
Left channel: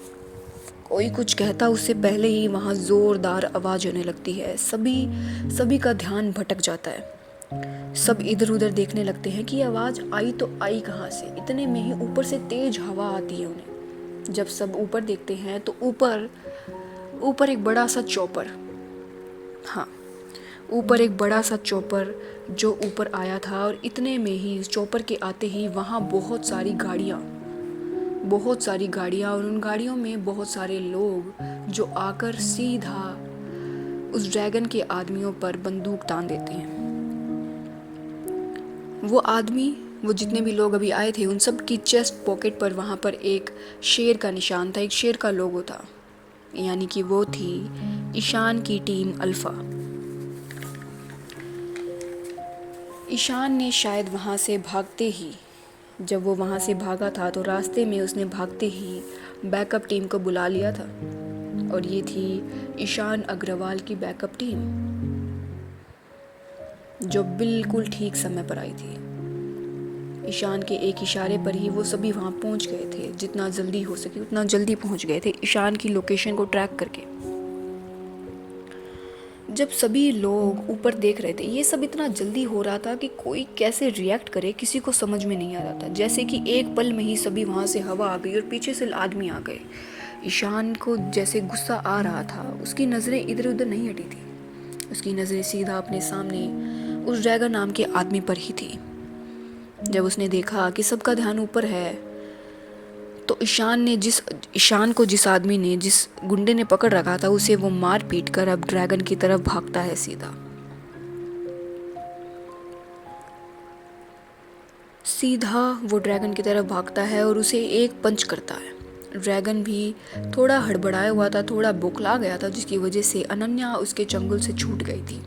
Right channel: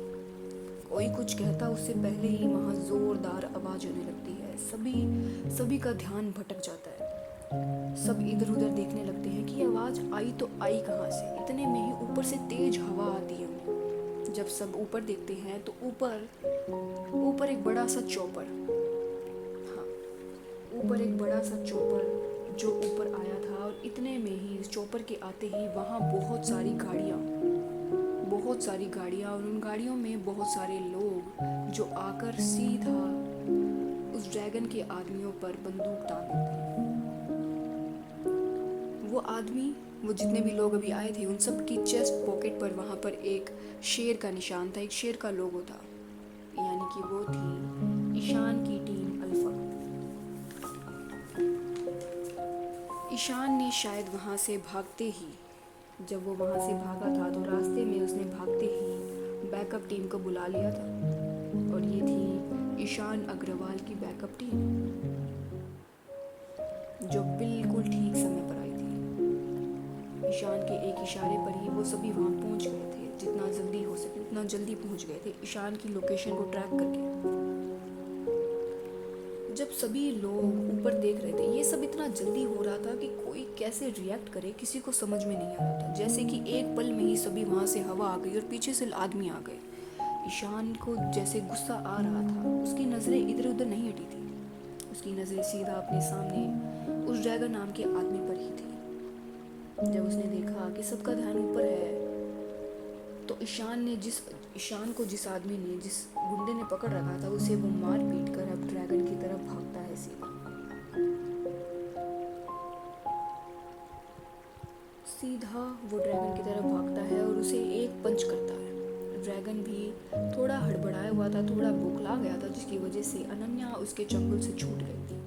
कोई कुछ कहता उससे पहले ही वहाँ ज़ोरदार आवाज़ होने लगती है। सभी का ध्यान भटक जाता है। सब इधर उधर देखने लगते हैं कि आवाज़ आई तो आई कहाँ से। इतने में ही ऊपर से तेज हवा आती है उन्हें। जब सब ऊपर देखते हैं तो ऊपर एक बड़ा सा चॉपर, हाँ ऊपर एक बड़ा सा चॉपर जो ऊपर आया था। और इतने में ही इस चॉपर के आते ही वहाँ बहुत सारी गाड़ियाँ और उन गाड़ियों में बहुत सारे लोग जो आकर सीधा उस ड्रैगन के आदमियों पर बंदूक तान देते हैं। वो जितने भी लोग अभी आए थे उन सब की चेस्ट पॉकेट पर वहाँ पर एक शेर का निशान था, एक शेर का लोगो था, यानी कि वो थी ईशान की टीम अल्फा। ईशान ने शायद वहाँ से भागते ही, जब वो वहाँ से भागा था तो रास्ते में उसने भागते ही बैकअप टीम को बुला लिया था। और ये थी ईशान अग्रवाल की बैकअप टीम, जो बिल्कुल ठीक समय पर आई थी। ईशान के एक इशारे पर ही वो सभी वहाँ पहुँच गए थे। जितना जल्दी हो सके उतना जल्दी पहुँच गए थे ईशान की लोकेशन को ट्रैक करके। जब सभी लोग ऊपर देख रहे थे, ये सब इतना जल्दी हो रहा था कि कोई कैसे रिएक्ट करे किसी को समझ में नहीं आ रहा था। जैसे कि एक पल में ही सभी वहाँ से हवा आ गई और पीछे से आदमी आ गए। ईशान को जैसे गुस्सा आ रहा था, उसकी नज़रें इधर उधर नहीं हटी थी, उसकी नज़रें सीधा अपने सामने उस ड्रैगन नाम के आदमी पर ही थी। जब उसने देखा कि सबका ध्यान ऊपर है तो ईशान को जिस गुंडे ने पकड़ रखा था उसे वो मार पीट कर अब ड्रैगन की तरफ भागता है। सीधा वो ड्रैगन की तरफ भागता है और उसे एक पंच करता है। ड्रैगन भी थोड़ा हड़बड़ाया हुआ था, थोड़ा बौखला गया था, जिसकी वजह से अनन्या उसके चंगुल से छूट गई थी।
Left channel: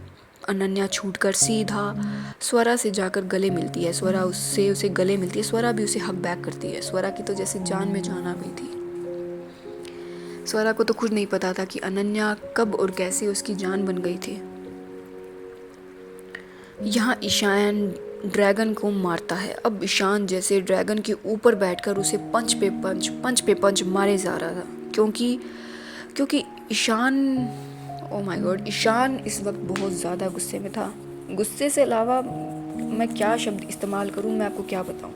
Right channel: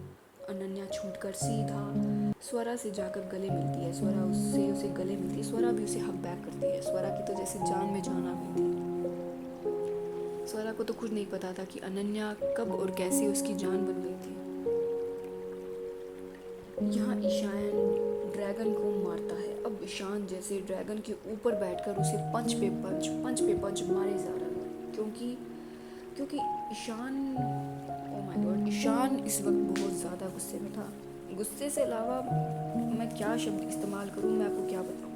अनन्या छूटकर सीधा स्वरा से जाकर गले मिलती है। स्वरा उससे उसे गले मिलती है। स्वरा भी उसे हक बैक करती है। स्वरा की तो जैसे जान में जान आ गई थी। स्वरा को तो खुद नहीं पता था कि अनन्या कब और कैसे उसकी जान बन गई थी। यहाँ ईशान ड्रैगन को मारता है। अब ईशान जैसे ड्रैगन के ऊपर बैठकर उसे पंच पे पंच मारे जा रहा था, क्योंकि Ishan, oh my God, Ishan इस वक्त बहुत ज़्यादा गुस्से में था। गुस्से से अलावा मैं क्या शब्द इस्तेमाल करूँ, मैं आपको क्या बताऊँ।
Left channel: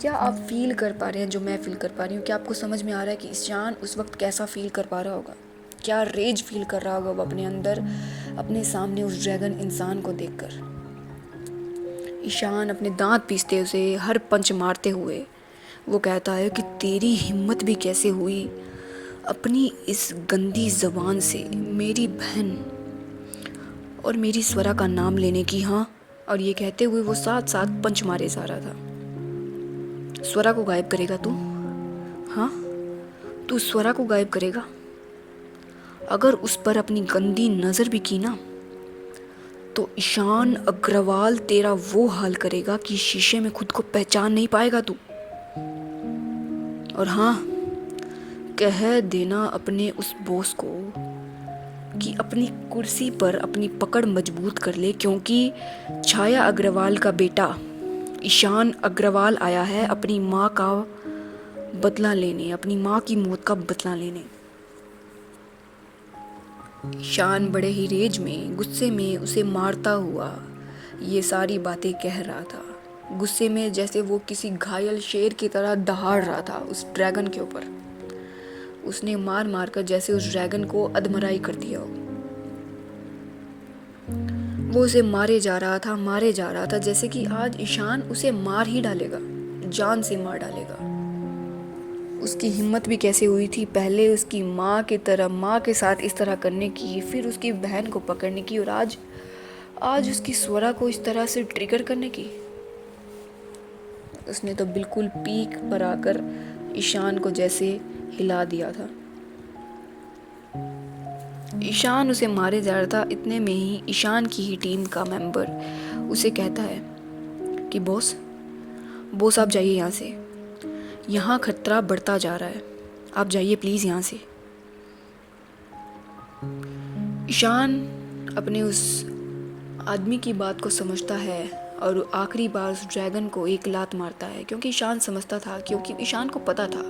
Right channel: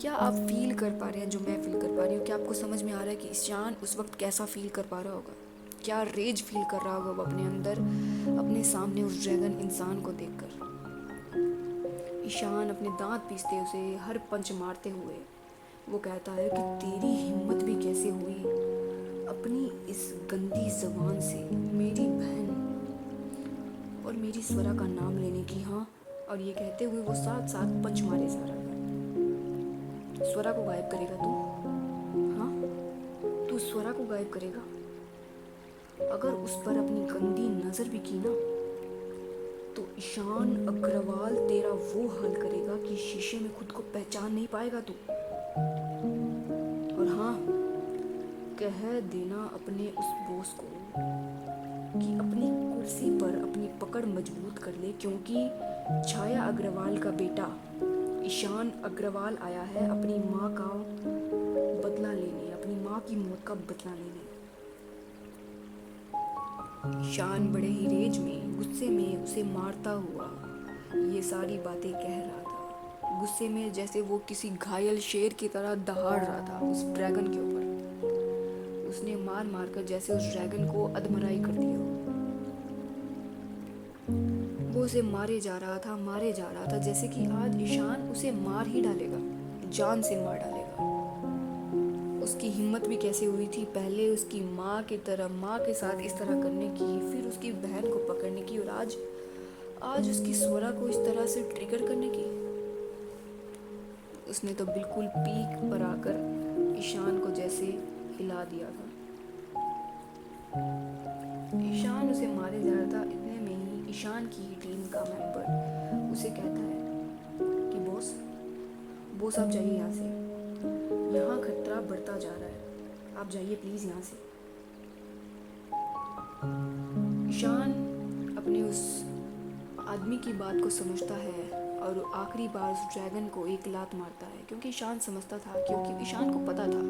क्या आप फील कर पा रहे हैं जो मैं फील कर पा रही हूँ? क्या आपको समझ में आ रहा है कि ईशान उस वक्त कैसा फील कर पा रहा होगा? क्या रेज फील कर रहा होगा वो अपने अंदर, अपने सामने उस ड्रैगन इंसान को देखकर। ईशान अपने दांत पीसते उसे हर पंच मारते हुए वो कहता है कि तेरी हिम्मत भी कैसे हुई अपनी इस गंदी ज़बान से मेरी बहन और मेरी स्वरा का नाम लेने की। हाँ, और ये कहते हुए वो साथ साथ पंच मारे जा रहा था। स्वरा को गायब करेगा तू? हाँ, तू स्वरा को गायब करेगा? अगर उस पर अपनी गंदी नज़र भी की ना, तो ईशान अग्रवाल तेरा वो हाल करेगा कि शीशे में खुद को पहचान नहीं पाएगा तू। और हाँ, कह देना अपने उस बॉस को कि अपनी कुर्सी पर अपनी पकड़ मजबूत कर ले, क्योंकि छाया अग्रवाल का बेटा ईशान अग्रवाल आया है अपनी माँ का बदला लेने, अपनी माँ की मौत का बदला लेने। ईशान बड़े ही रेज में, गुस्से में उसे मारता हुआ ये सारी बातें कह रहा था। गुस्से में जैसे वो किसी घायल शेर की तरह दहाड़ रहा था उस ड्रैगन के ऊपर। उसने मार मार कर जैसे उस ड्रैगन को अधमराई कर दिया हो। वो उसे मारे जा रहा था जैसे कि आज ईशान उसे मार ही डालेगा, जान से मार डालेगा। उसकी हिम्मत भी कैसे हुई थी पहले उसकी माँ की तरह, माँ के साथ इस तरह करने की, फिर उसकी बहन को पकड़ने की, और आज उसकी स्वरा को इस तरह से ट्रिगर करने की। उसने तो बिल्कुल पीक पर आकर ईशान को जैसे हिला दिया था। ईशान उसे मारे जा रहा था। इतने में ही ईशान की ही टीम का मेंबर उसे कहता है कि बॉस आप जाइए यहाँ से, यहाँ खतरा बढ़ता जा रहा है, आप जाइए प्लीज़ यहाँ से। ईशान अपने उस आदमी की बात को समझता है और आखिरी बार उस ड्रैगन को एक लात मारता है, क्योंकि ईशान समझता था, क्योंकि ईशान को पता था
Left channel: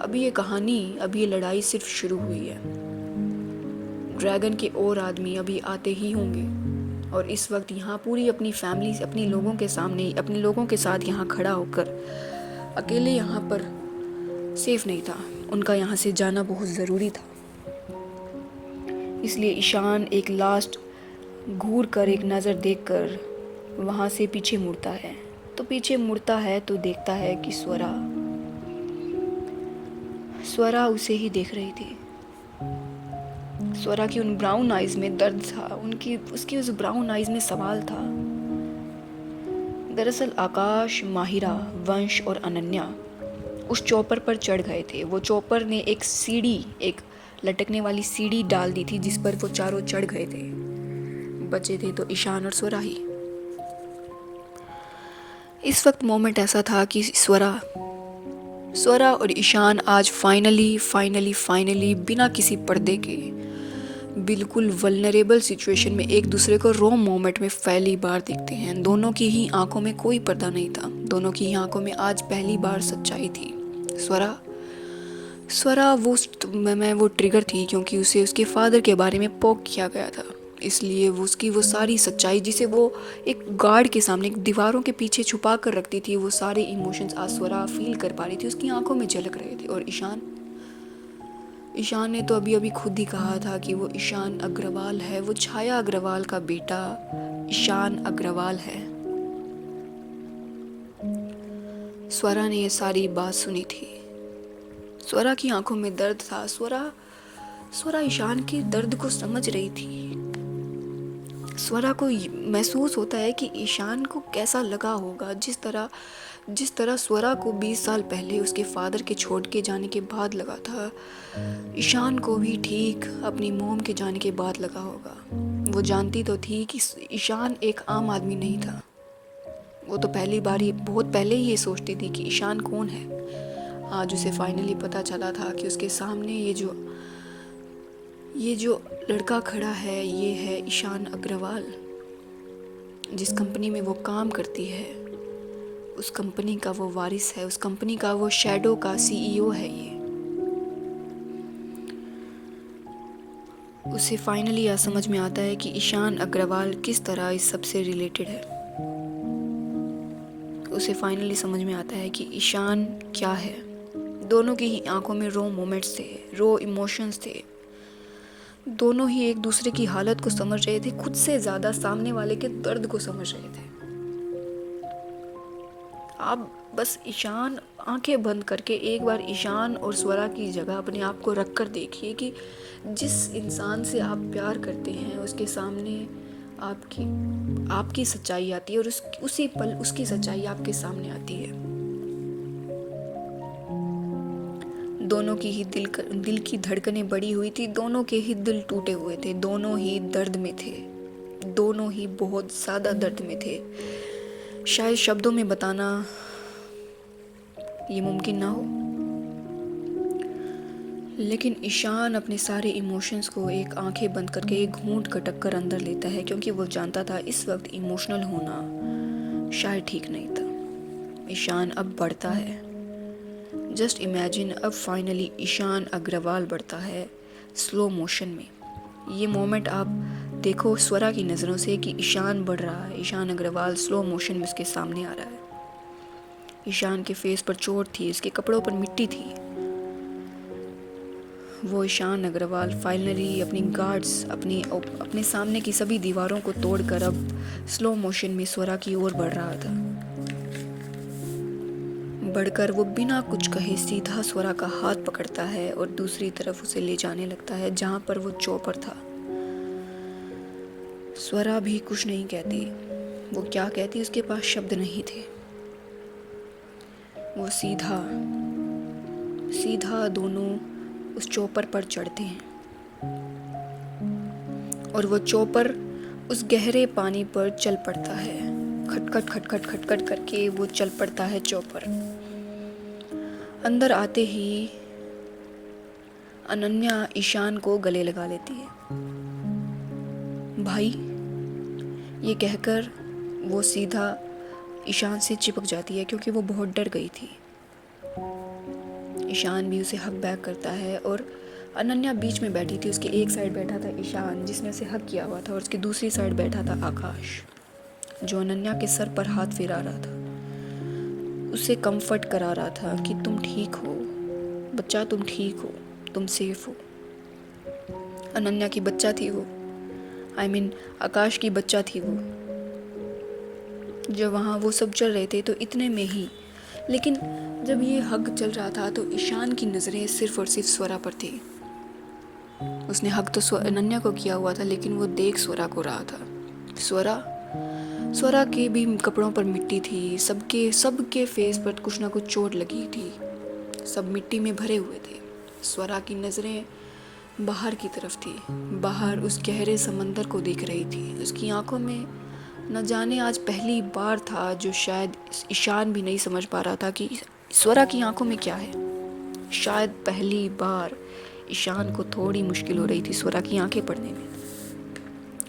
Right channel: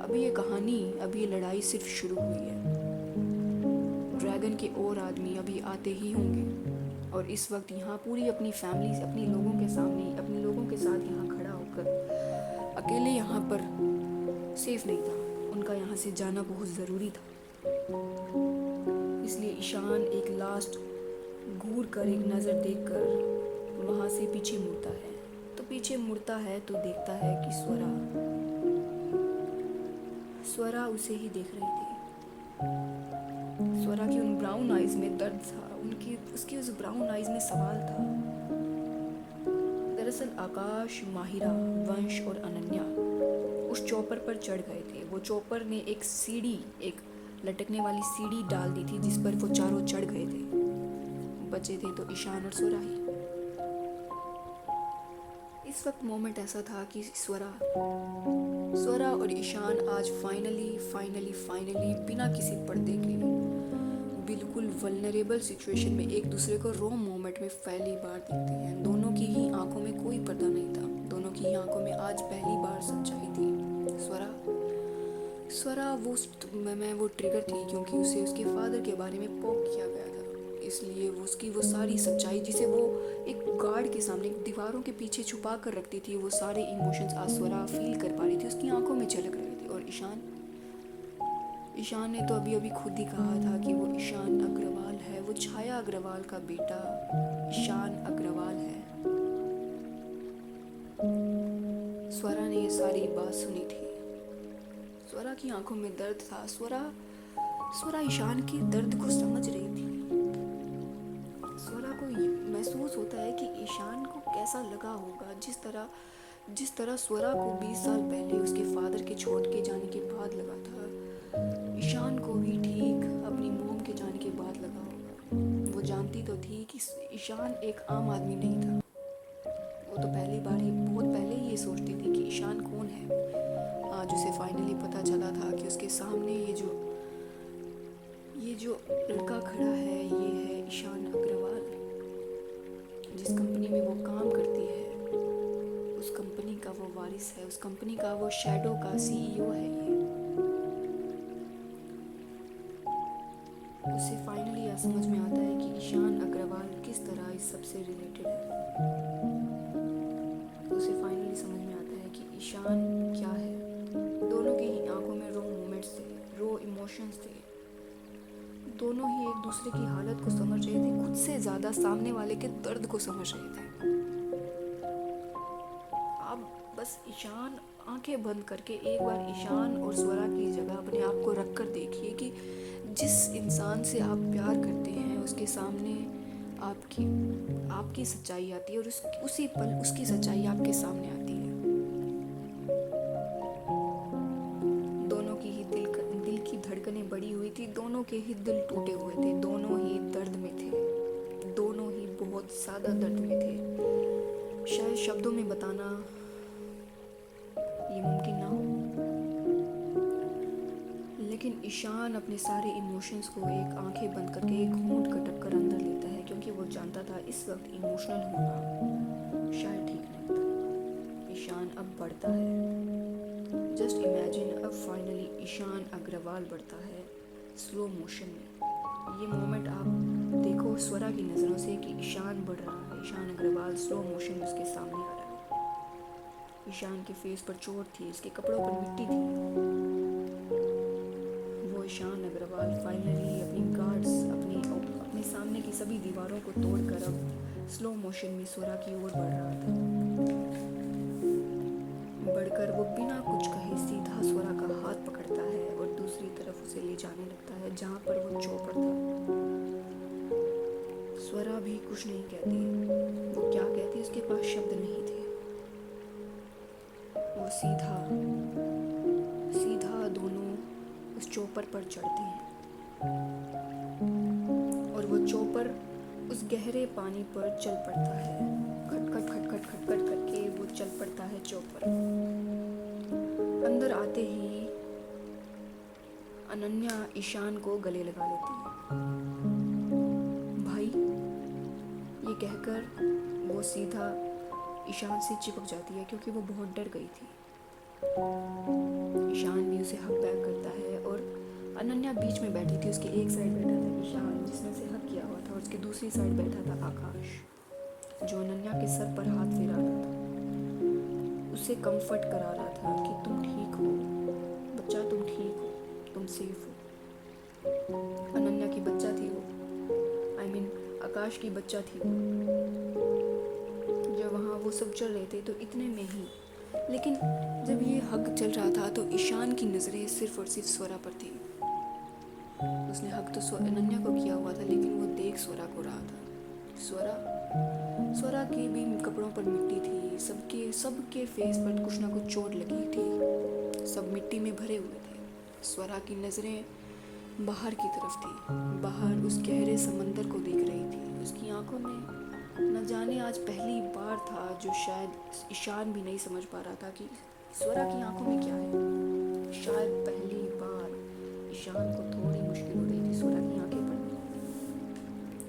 अभी ये कहानी, अभी ये लड़ाई सिर्फ शुरू हुई है। ड्रैगन के और आदमी अभी आते ही होंगे, और इस वक्त यहाँ पूरी अपनी फैमिली से, अपने लोगों के सामने, अपने लोगों के साथ यहाँ खड़ा होकर अकेले यहाँ पर सेफ नहीं था। उनका यहाँ से जाना बहुत ज़रूरी था। इसलिए ईशान एक लास्ट घूर कर, एक नज़र देखकर वहाँ से पीछे मुड़ता है। तो पीछे मुड़ता है तो देखता है कि स्वरा उसे ही देख रही थी। स्वरा की उन ब्राउन आइज़ में दर्द था, उसकी उस ब्राउन आइज़ में सवाल था। दरअसल आकाश, माहिरा, वंश और अनन्या उस चौपर पर चढ़ गए थे। वो चौपर ने एक सीढ़ी, एक लटकने वाली सीढ़ी डाल दी थी जिस पर वो चारों चढ़ गए थे। बचे थे तो ईशान और स्वरा ही। इस वक्त मोमेंट ऐसा था कि स्वरा और ईशान आज फाइनली बिना किसी पर्दे के बिल्कुल वल्नरेबल सिचुएशन में एक दूसरे को रॉ मोमेंट में पहली बार देखते हैं। दोनों की ही आंखों में कोई पर्दा नहीं था, दोनों की ही आंखों में आज पहली बार सच्चाई थी। स्वरा वो ट्रिगर थी, क्योंकि उसे उसके फादर के बारे में पोक किया गया था, इसलिए उसकी वो सारी सच्चाई, जिसे वो एक गार्ड के सामने, एक दीवारों के पीछे छुपा कर रखती थी, वो सारे इमोशंस आज स्वरा फील कर पा रही थी, उसकी आंखों में झलक रहे थे। और ईशान ने तो अभी खुद ही कहा था कि वो ईशान अग्रवाल है, वो छाया अग्रवाल का बेटा ईशान अग्रवाल है। स्वरा ने ये सारी बात सुनी थी। स्वरा की आंखों में दर्द था। स्वरा ईशान के दर्द को समझ रही थी। स्वरा को महसूस होता है कि ईशान को कैसा लगा होगा, जिस तरह जिस तरह स्वरा को 20 साल पहले उसके फादर के छोड़ के जाने के बाद लगा था, ईशान को भी ठीक अपनी मोम के जाने के बाद लगा होगा। वो जानती तो थी कि ईशान एक आम आदमी नहीं था। वो तो पहली बार ही बहुत पहले ही ये सोचती थी कि ईशान कौन है। आज उसे फाइनली पता चला था कि उसके सामने ये जो लड़का खड़ा है, ये है ईशान अग्रवाल। जिस कंपनी में वो काम करती है, उस कंपनी का वो वारिस है, उस कंपनी का वो शैडो का सीईओ है ये। उसे फाइनली यह समझ में आता है कि ईशान अग्रवाल किस तरह इस सब से रिलेटेड है। उसे फाइनली समझ में आता है कि ईशान क्या है। दोनों की ही आंखों में रो मोमेंट्स थे, रो इमोशंस थे। दोनों ही एक दूसरे की हालत को समझ रहे थे, खुद से ज़्यादा सामने वाले के दर्द को समझ रहे थे। आप बस ईशान आंखें बंद करके एक बार ईशान और स्वरा की जगह अपने आप को रख कर देखिए कि जिस इंसान से आप प्यार करते हैं उसके सामने आपकी सच्चाई आती है और उसी पल उसकी सच्चाई आपके सामने आती है। दोनों की ही दिल की धड़कनें बढ़ी हुई थी, दोनों के ही दिल टूटे हुए थे, दोनों ही दर्द में थे, दोनों ही बहुत ज़्यादा दर्द में थे। शायद शब्दों में बताना ये मुमकिन ना हो, लेकिन ईशान अपने सारे इमोशंस को एक आंखें बंद करके एक घूंट खटक कर अंदर लेता है, क्योंकि वो जानता था इस वक्त इमोशनल होना शायद ठीक नहीं था। ईशान अब बढ़ता है। जस्ट इमेजिन, अब फाइनली ईशान अग्रवाल बढ़ता है स्लो मोशन में। ये मोमेंट आप देखो स्वरा की नज़रों से कि ईशान बढ़ रहा है, ईशान अग्रवाल स्लो मोशन में उसके सामने आ रहा है। ईशान के फेस पर चोट थी, उसके कपड़ों पर मिट्टी थी। वो ईशान अग्रवाल फाइनली अपनी गार्ड्स, अपने सामने की सभी दीवारों को तोड़कर अब स्लो मोशन में स्वरा की ओर बढ़ रहा था। बढ़कर वो बिना कुछ कहे सीधा स्वरा का हाथ पकड़ता है और दूसरी तरफ उसे ले जाने लगता है जहाँ पर वो चौपर था। स्वरा भी कुछ नहीं कहती। वो क्या कहती, उसके पास शब्द नहीं थे। वो सीधा दोनों उस चौपर पर चढ़ते हैं और वो चौपर उस गहरे पानी पर चल पड़ता है। खटखट खटखट खटखट करके वो चल पड़ता है चौपर। अंदर आते ही अनन्या ईशान को गले लगा लेती है। भाई, ये कहकर वो सीधा ईशान से चिपक जाती है क्योंकि वो बहुत डर गई थी। ईशान भी उसे हक बैक करता है और अनन्या बीच में बैठी थी। उसके एक साइड बैठा था ईशान जिसने उसे हक किया हुआ था और उसकी दूसरी साइड बैठा था आकाश जो अनन्या के सर पर हाथ फिरा रहा था, उसे कंफर्ट करा रहा था कि तुम ठीक हो बच्चा, तुम ठीक हो, तुम सेफ हो। अनन्या की बच्चा थी वो, आकाश की बच्चा थी वो। जब वहाँ वो सब चल रहे थे तो इतने में ही, लेकिन जब ये हग चल रहा था तो ईशान की नज़रें सिर्फ और सिर्फ स्वरा पर थी। उसने हग तो अनन्या को किया हुआ था, लेकिन वो देख स्वरा को रहा था। स्वरा के भी कपड़ों पर मिट्टी थी, सबके फेस पर कुछ ना कुछ चोट लगी थी, सब मिट्टी में भरे हुए थे। स्वरा की नज़रें बाहर की तरफ थी, बाहर उस गहरे समंदर को देख रही थी। उसकी आंखों में न जाने आज पहली बार था जो शायद ईशान भी नहीं समझ पा रहा था कि स्वरा की आंखों में क्या है। शायद पहली बार ईशान को थोड़ी मुश्किल हो रही थी स्वरा की आंखें पढ़ने में।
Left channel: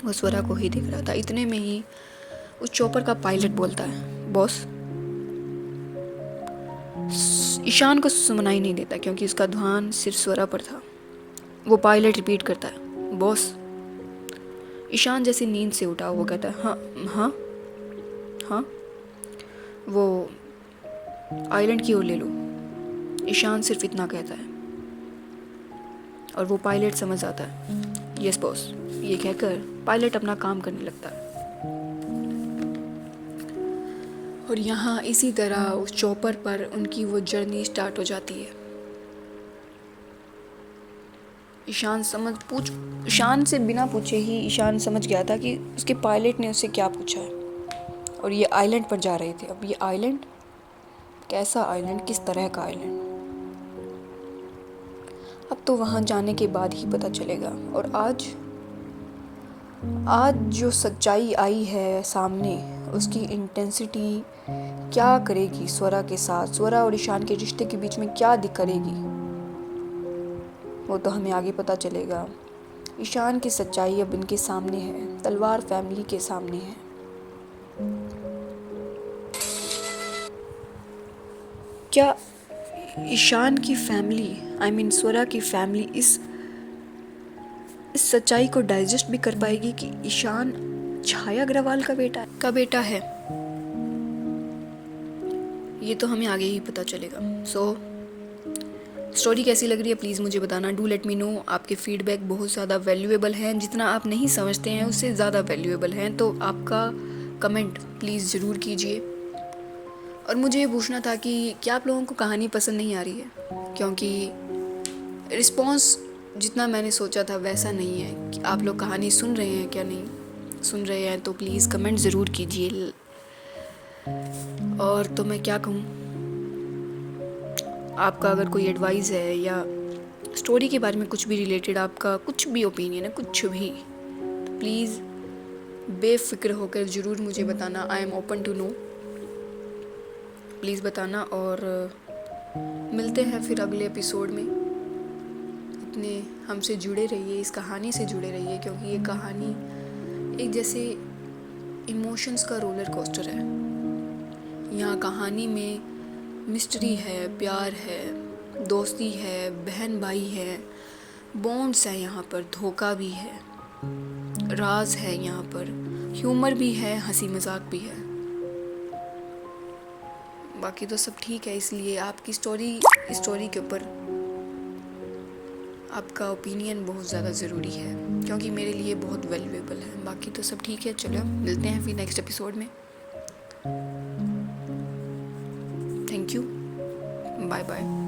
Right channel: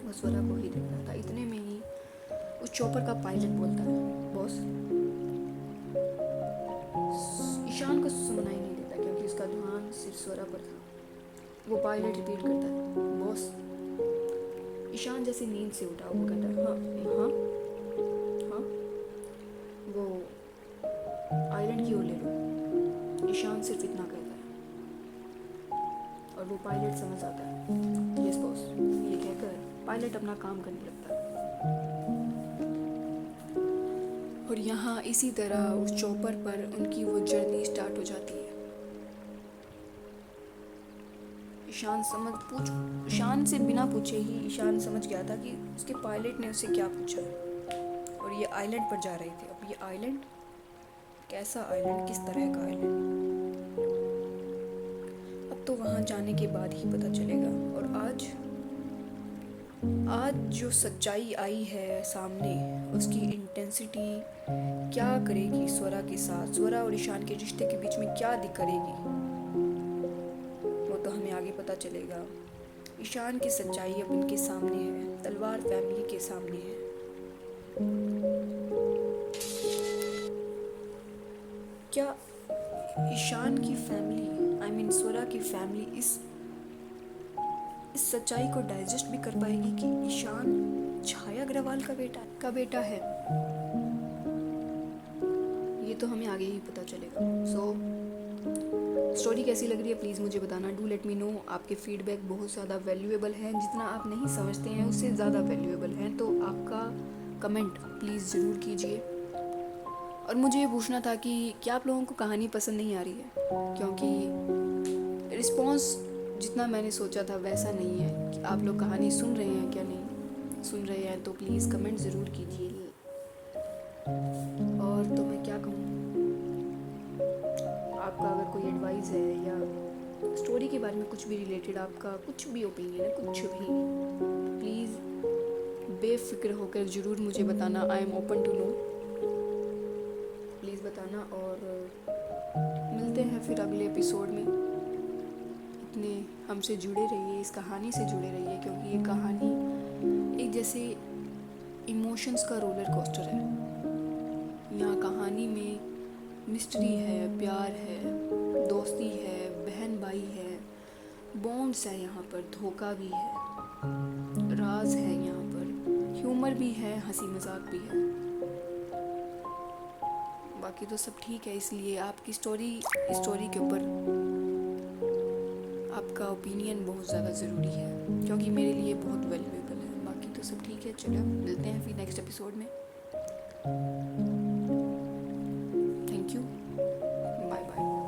वो स्वरा को ही देख रहा था। इतने में ही उस चॉपर का पायलट बोलता है, बॉस। ईशान को सुनाई नहीं देता क्योंकि उसका ध्यान सिर्फ स्वरा पर था। वो पायलट रिपीट करता है, बॉस। ईशान जैसे नींद से उठा, वो कहता है, हाँ हाँ हाँ, वो आइलैंड की ओर ले लो। ईशान सिर्फ इतना कहता है और वो पायलट समझ आता है, यस बॉस। ये कहकर पायलट अपना काम करने लगता है। और यहाँ इसी तरह उस चॉपर पर उनकी वो जर्नी स्टार्ट हो जाती है। ईशान से बिना पूछे ही ईशान समझ गया था कि उसके पायलट ने उससे क्या पूछा है। और ये आइलैंड पर जा रहे थे। अब ये आइलैंड कैसा आइलैंड, किस तरह का आइलैंड, अब तो वहाँ जाने के बाद ही पता चलेगा। और आज आज जो सच्चाई आई है सामने, उसकी इंटेंसिटी क्या करेगी स्वरा के साथ, स्वरा और ईशान के रिश्ते के बीच में क्या करेगी, वो तो हमें आगे पता चलेगा। ईशान की सच्चाई अब इनके सामने है, तलवार फैमिली के सामने है। क्या ईशान की फैमिली, आई मीन स्वरा की फैमिली इस सच्चाई को डाइजेस्ट भी कर पाएगी कि ईशान छाया अग्रवाल का बेटा है? ये तो हमें आगे ही पता चलेगा। स्टोरी कैसी लग रही है प्लीज़ मुझे बताना, डू लेट मी नो। आपके फीडबैक बहुत ज़्यादा वैल्यूएबल हैं, जितना आप नहीं समझते हैं उससे ज़्यादा वैल्यूएबल हैं, तो आपका कमेंट प्लीज़ ज़रूर कीजिए। और मुझे ये पूछना था कि क्या आप लोगों को कहानी पसंद नहीं आ रही है, क्योंकि रिस्पॉन्स जितना मैंने सोचा था वैसा नहीं है। कि आप लोग कहानी सुन रहे हैं क्या नहीं सुन रहे हैं, तो प्लीज़ कमेंट ज़रूर कीजिए। और तो मैं क्या कहूँ, आपका अगर कोई एडवाइस है या स्टोरी के बारे में कुछ भी रिलेटेड आपका कुछ भी ओपिनियन है, कुछ भी, तो प्लीज़ बेफिक्र होकर ज़रूर मुझे बताना। I am open to know, please बताना। और मिलते हैं फिर अगले एपिसोड में। इतने हमसे जुड़े रहिए, इस कहानी से जुड़े रहिए, क्योंकि ये कहानी एक जैसे इमोशंस का रोलर कोस्टर है। यहाँ कहानी में मिस्ट्री है, प्यार है, दोस्ती है, बहन भाई है, बॉन्ड्स है, यहाँ पर धोखा भी है, राज है, यहाँ पर ह्यूमर भी है, हंसी मजाक भी है, बाकी तो सब ठीक है। इसलिए आपकी स्टोरी के ऊपर आपका ओपिनियन बहुत ज़्यादा ज़रूरी है, क्योंकि मेरे लिए बहुत वैल्यूएबल है। बाकी तो सब ठीक है, चलो मिलते हैं फिर नेक्स्ट एपिसोड में। Thank you, bye bye.